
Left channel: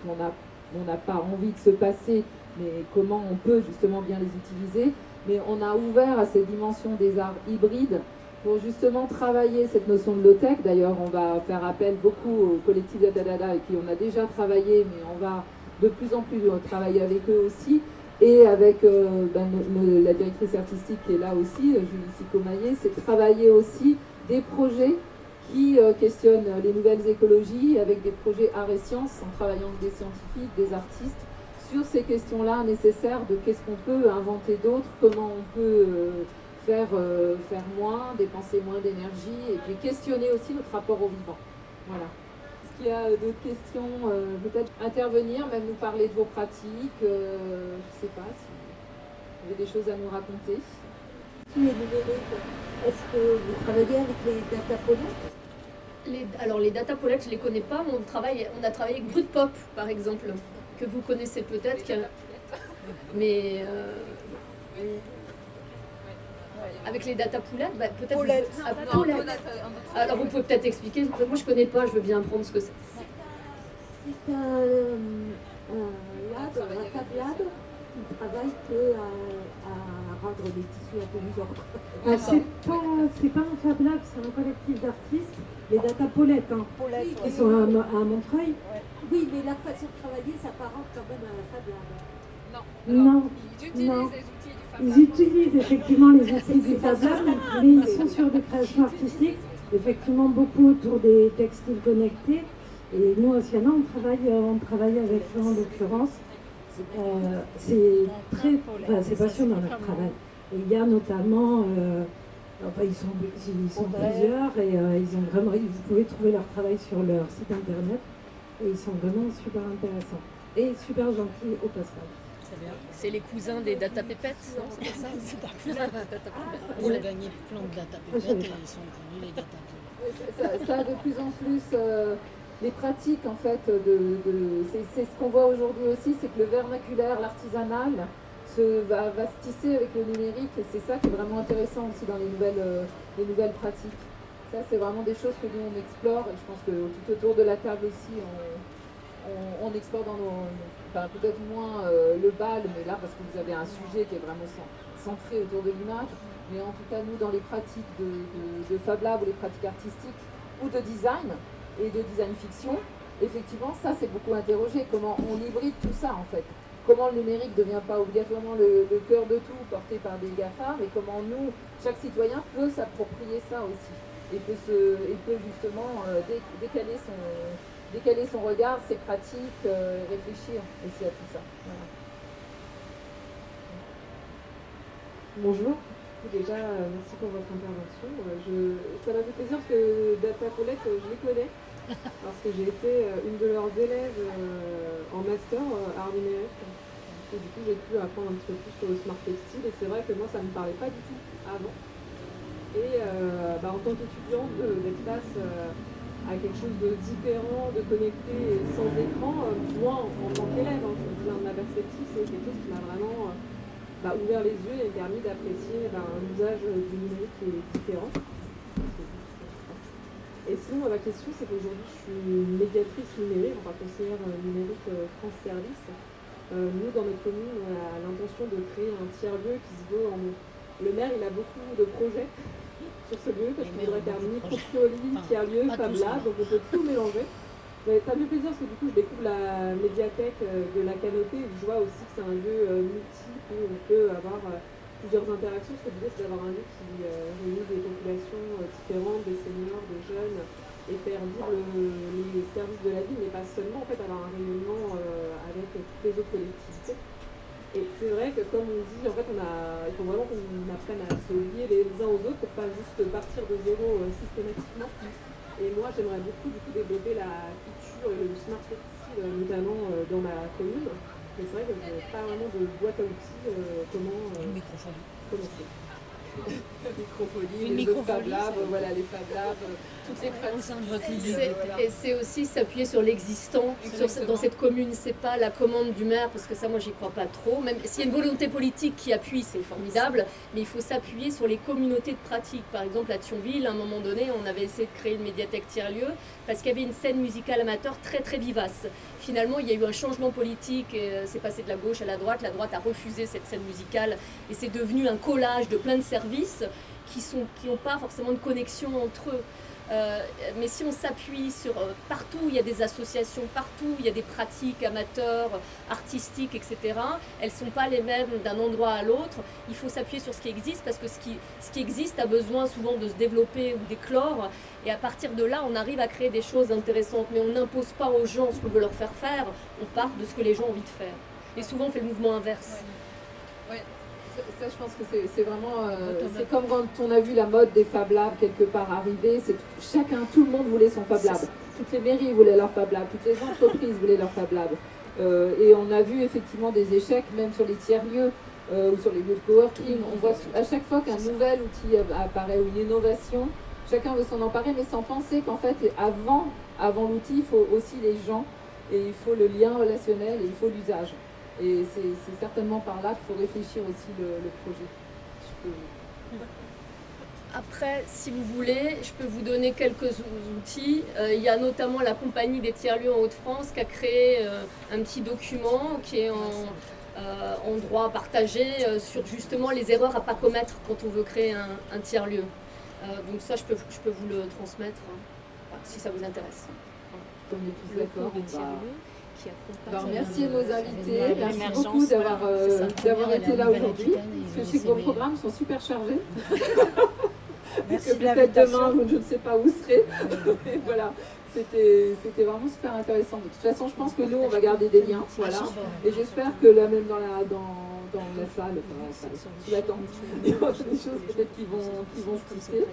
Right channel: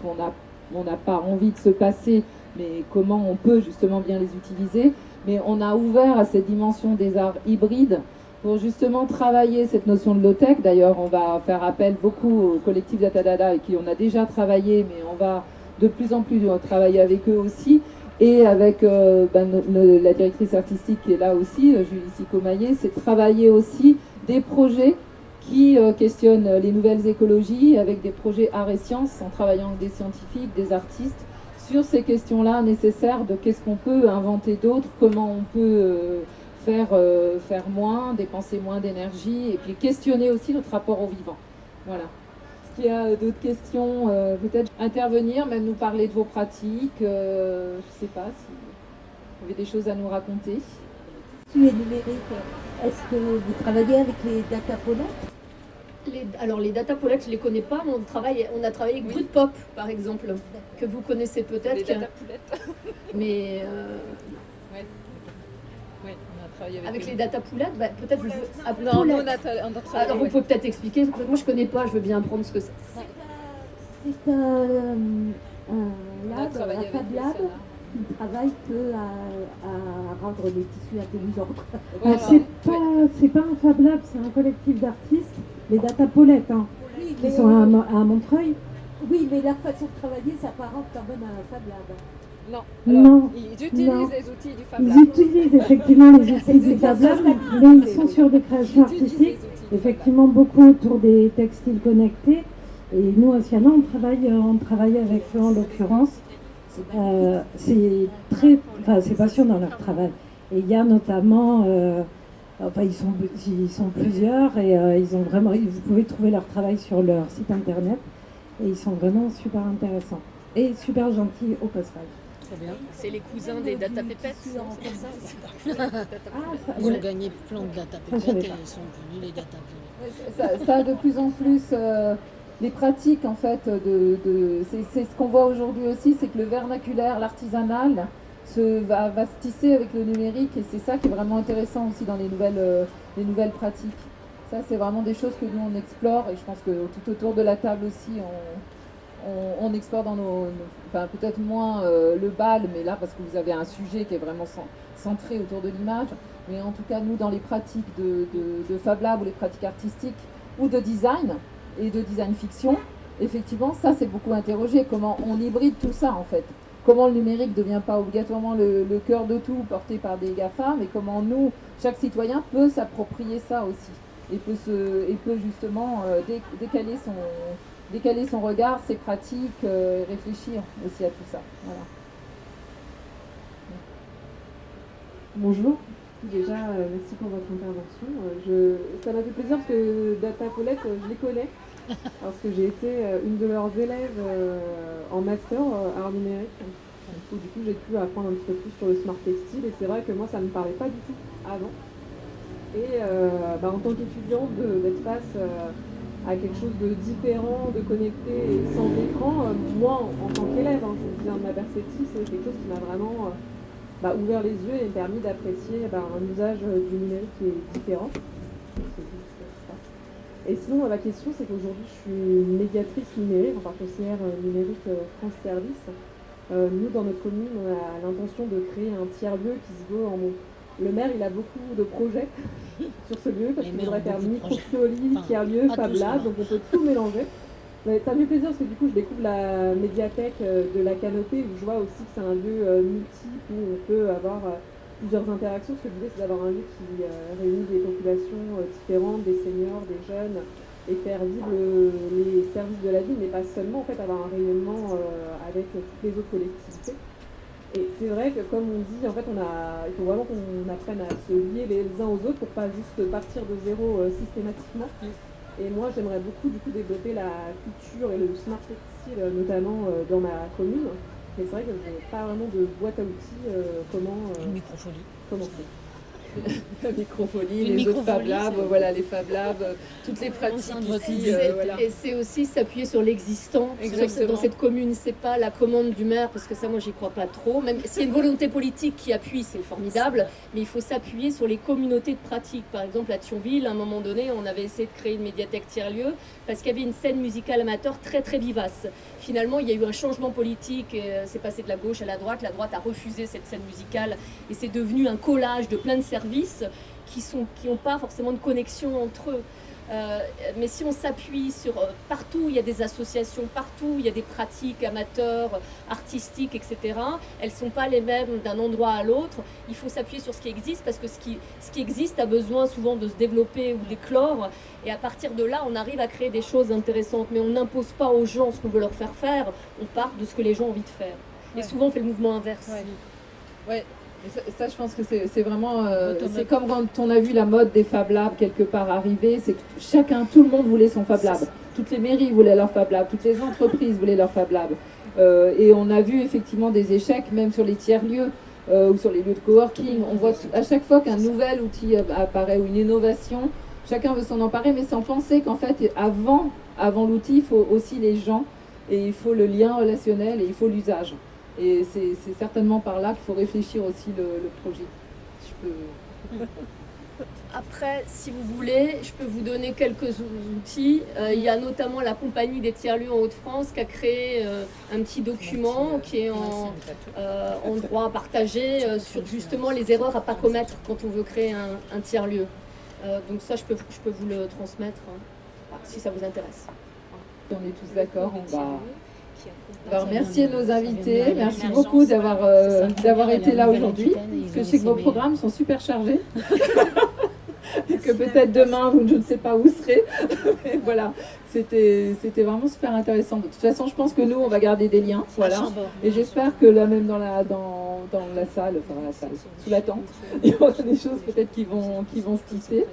on n'a pas envie de se passer, mais comment on peut justement bien les utiliser. Mais on a ouvert à cette dimension des arts hybrides pour justement travailler cette notion de low-tech. D'ailleurs, on va faire appel beaucoup au collectif Datadada, avec qui on a déjà travaillé, mais on va de plus en plus travailler avec eux aussi. Et avec la directrice artistique qui est là aussi, Julie Sicomaillé, c'est de travailler aussi des projets qui questionnent les nouvelles écologies avec des projets arts et sciences, en travaillant avec des scientifiques, des artistes, sur ces questions-là nécessaires de qu'est-ce qu'on peut inventer d'autre, comment on peut faire moins, dépenser moins d'énergie, et puis questionner aussi notre rapport au vivant. Voilà. Est-ce qu'il y a d'autres questions, peut-être intervenir, même nous parler de vos pratiques, je ne sais pas si vous avez des choses à nous raconter. Est-ce que vous travaillez avec les datapolettes? Alors les datapolettes, je ne les connais pas, mais on a travaillé avec Brutpop, par exemple, que vous connaissez peut-être. Mais avec les datapoulettes, peut-être. Alors vous pouvez peut-être expliquer. Moi je ne connais pas, je veux bien apprendre ce que c'est. C'est un lab, un Fab Lab, qui ne travaille à rendre les tissus intelligents. C'est pas un Fab Lab, c'est un collectif d'artistes, les Datapolettes, qui sont à Montreuil. Oui, mais leur façon de travailler s'apparente quand même à un Fab Lab. Non. Ils utilisent les outils du Fab Lab. Ils utilisent effectivement les outils du Fab Lab, mais ils sont sur des créations artistiques, effectivement beaucoup autour des textiles connectés. Et nous, à Siana, on travaille avec eux en l'occurrence. C'est passionnant leur travail. Et il y a notamment, ils sont plusieurs et vous pouvez trouver leur travail sur leur site internet et ils sont vraiment super intéressants et super gentils au passage. Très bien. C'est les cousins des Data Pépettes, non? C'est ça? Ils ont gagné plein de Data Pépettes et ils sont devenus les Data Pépettes. Ça a de plus en plus les pratiques en fait c'est ce qu'on voit aujourd'hui aussi, c'est que le vernaculaire, l'artisanal va se tisser avec le numérique, et c'est ça qui est vraiment intéressant aussi dans les nouvelles pratiques. Ça, c'est vraiment des choses que nous on explore, et je pense que tout autour de la table aussi on explore dans peut-être moins le bal, mais là parce que vous avez un sujet qui est vraiment centré autour de l'image, mais en tout cas nous dans les pratiques de Fab Lab ou les pratiques artistiques ou de design et de design fiction, effectivement ça c'est beaucoup interrogé, comment on hybride tout ça en fait, comment le numérique ne devient pas obligatoirement le cœur de tout porté par des GAFA, mais comment nous, chaque citoyen peut s'approprier ça aussi et peut justement décaler son regard, ses pratiques, réfléchir aussi à tout ça. Voilà. Bonjour, déjà merci pour votre intervention. Ça m'a fait plaisir parce que Datapolettes, je les connais, parce que j'ai été une de leurs élèves en master art numérique. Du coup, j'ai pu apprendre un petit peu plus sur le smart textile, et c'est vrai que moi ça ne me parlait pas du tout avant. Et en tant qu'étudiante, d'être face à quelque chose de différent, de connecté et sans écran, moi en tant qu'élève, je vous dis de ma perspective, c'est quelque chose qui m'a vraiment ouvert les yeux et permis d'apprécier un usage du numérique qui est différent. Et sinon, ma question, c'est qu'aujourd'hui, je suis médiatrice numérique, enfin conseillère numérique France Service. Nous, dans notre commune, on a l'intention de créer un tiers-lieu qui se veut en mont. Le maire, il a beaucoup de projets sur ce lieu, parce qu'il voudrait faire micro-fioli, tiers-lieu, Fab Lab, donc on peut tout mélanger. Mais ça me fait plaisir parce que du coup, je découvre la médiathèque de la Canopée, où je vois aussi que c'est un lieu multiple où on peut avoir plusieurs interactions. Ce que je disais, c'est d'avoir un lieu qui réunit des populations différentes, des seniors, des jeunes, et faire vivre les services de la ville, mais pas seulement, en fait, avoir un rayonnement avec toutes les autres collectivités. Et c'est vrai que comme on dit, en fait, il faut vraiment qu'on apprenne à se lier les uns aux autres pour pas juste partir de zéro systématiquement. Et moi, j'aimerais beaucoup du coup développer la culture et le smart textile, notamment dans ma commune. Mais c'est vrai que je n'ai pas vraiment de boîte à outils. Une microfolie. Commencer. La microfolie, les autres Fab Labs, voilà, les Fab Labs, toutes les pratiques. Et c'est aussi s'appuyer sur l'existant dans cette commune. C'est pas la commande du maire, parce que ça, moi, j'y crois pas trop. Même s'il y a une volonté politique qui appuie, c'est formidable, mais il faut s'appuyer sur les communautés de pratique. Par exemple, à Thionville, à un moment donné, on avait essayé de créer une médiathèque tiers-lieu parce qu'il y avait une scène musicale amateur très très vivace. Finalement, il y a eu un changement politique, c'est passé de la gauche à la droite a refusé cette scène musicale et c'est devenu un collage de plein de services qui n'ont pas forcément de connexion entre eux. Mais si on s'appuie sur partout où il y a des associations, partout où il y a des pratiques amateurs, artistiques, etc., elles ne sont pas les mêmes d'un endroit à l'autre. Il faut s'appuyer sur ce qui existe parce que ce qui existe a besoin souvent de se développer ou d'éclore. Et à partir de là, on arrive à créer des choses intéressantes. Mais on n'impose pas aux gens ce qu'on veut leur faire faire. On part de ce que les gens ont envie de faire. Et souvent, on fait le mouvement inverse. Ouais. Ça, je pense que c'est vraiment... c'est comme quand on a vu la mode des Fab Labs quelque part arriver. C'est que tout le monde voulait son Fab Lab. Toutes les mairies voulaient leur Fab Lab. Toutes les entreprises voulaient leur Fab Lab. Et on a vu effectivement des échecs, même sur les tiers-lieux ou sur les lieux de coworking. On voit à chaque fois qu'un nouvel outil apparaît ou une innovation, chacun veut s'en emparer, mais sans penser qu'en fait, avant l'outil, il faut aussi les gens, et il faut le lien relationnel, et il faut l'usage. Et c'est certainement par là qu'il faut réfléchir aussi le projet. Après, si vous voulez, je peux vous donner quelques outils. Il y a notamment la compagnie des tiers-lieux en Hauts-de-France qui a créé un petit document qui est en droit partagé sur justement les erreurs à ne pas commettre quand on veut créer un tiers-lieu. Donc ça, je peux vous le transmettre si ça vous intéresse. On est tous d'accord. Alors merci à nos invités, merci beaucoup d'avoir été là aujourd'hui, parce que je sais que vos programmes sont super chargés, que peut-être demain, je ne sais pas où serez. Voilà, c'était vraiment super intéressant. De toute façon, je pense que nous, on va garder des liens, voilà, et j'espère que là même dans la salle, sous la tente, il y aura des choses peut-être qui vont se tisser.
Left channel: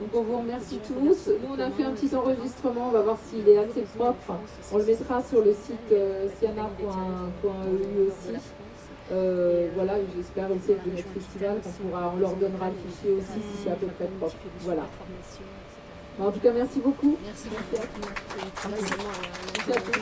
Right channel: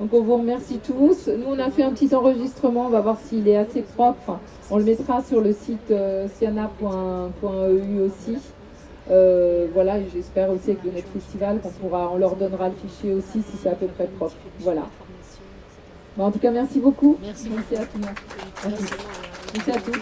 Donc on vous remercie tous. Nous on a fait un petit enregistrement, on va voir s'il est assez propre. On le mettra sur le site siana.eu aussi. Voilà, j'espère aussi avec le Net Festival on leur donnera le fichier aussi si c'est à peu près propre. Voilà. Bon, en tout cas, merci beaucoup. Merci à tout le monde. Merci à tous.